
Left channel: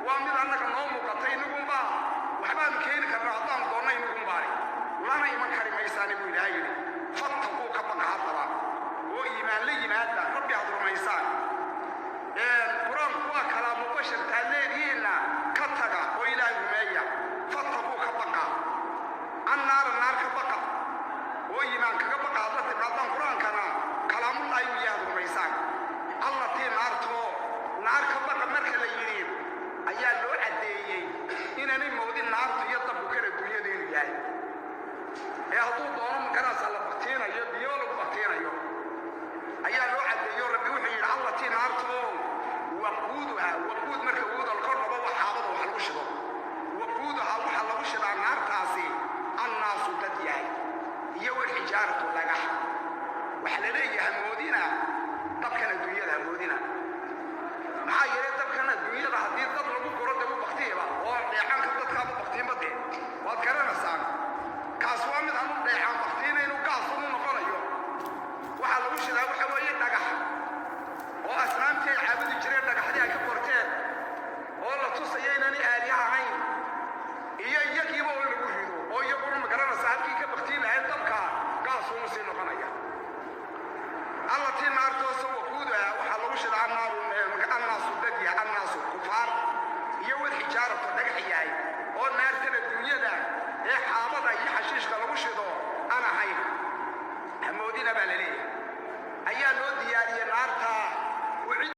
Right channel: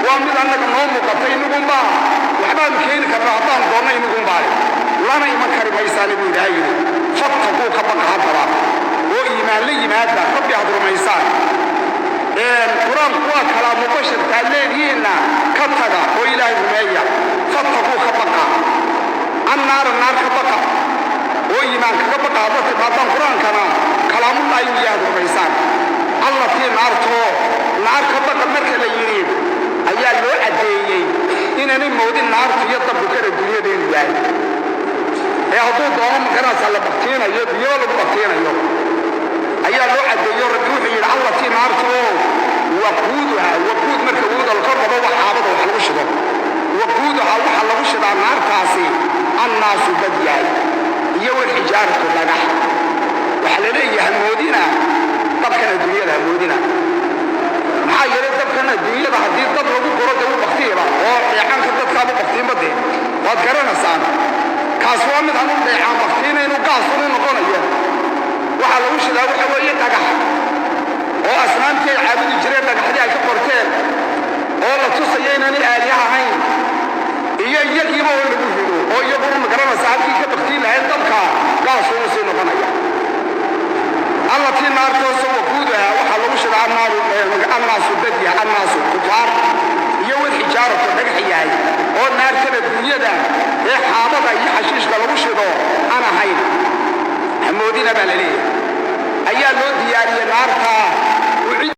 ومن أنك نوم قطين نقوم با وحبان كين كبعطان دوني نقوم با لنا يمكر ما يسالبوا دايري فاتقوا كبق حضرا وإيمان لي مادة ربي حضر ما يسال القرآن هو كلام مباشر تعليل كتغا وإلهي رمية فاتقوا خبقا النار خبقا وإيمان خبقا هذا تبعطان القرآن كلام الله يهد رميسان الله في نار خبقا مركة ليرين أيها اللو عديي إنني مودي النار في يطب بكر الدنيا دين جاي يهدو دوام كنا سألا بختين يولو بختين أيها اللو عديي ربيوحي الله في نار وقودها وقود مركود القرب هو حابض وحلوشده وقودها وحلوشده النار تاسي الناس بدياي يو الحجارة لنح وحلليه همودنا طبكنا الدنيا همودنا maxaa yeelay dadkana dunyada hadii dad lagu goro dad waqtiga oo deecan ka dadka abu waqtiga badee waad garanaysaan kaas waa mid aan u deecan waqtiga inuu gaas u noqonayo waxa lagu shidaa waxa weeye dhagax oo asnaamtii caabudi jireen dhagaxdii ay ka qorteen oo la tusayay inay aaliyaha ahayn iyo iyagiiba oo lagu hido oo iyagu ma garanaysaa halkii ka baqtiin lahayd dabka gaas uu soo noqonaya الله في نار توسو وقودها وحا لو شدا الناس بديا الناس كفار يو الحجارة دغخياي او نار كده دنيدا اي حابدا اي حشيش لو شدو انا هاي همودينا بالليل ايا لو دياري نار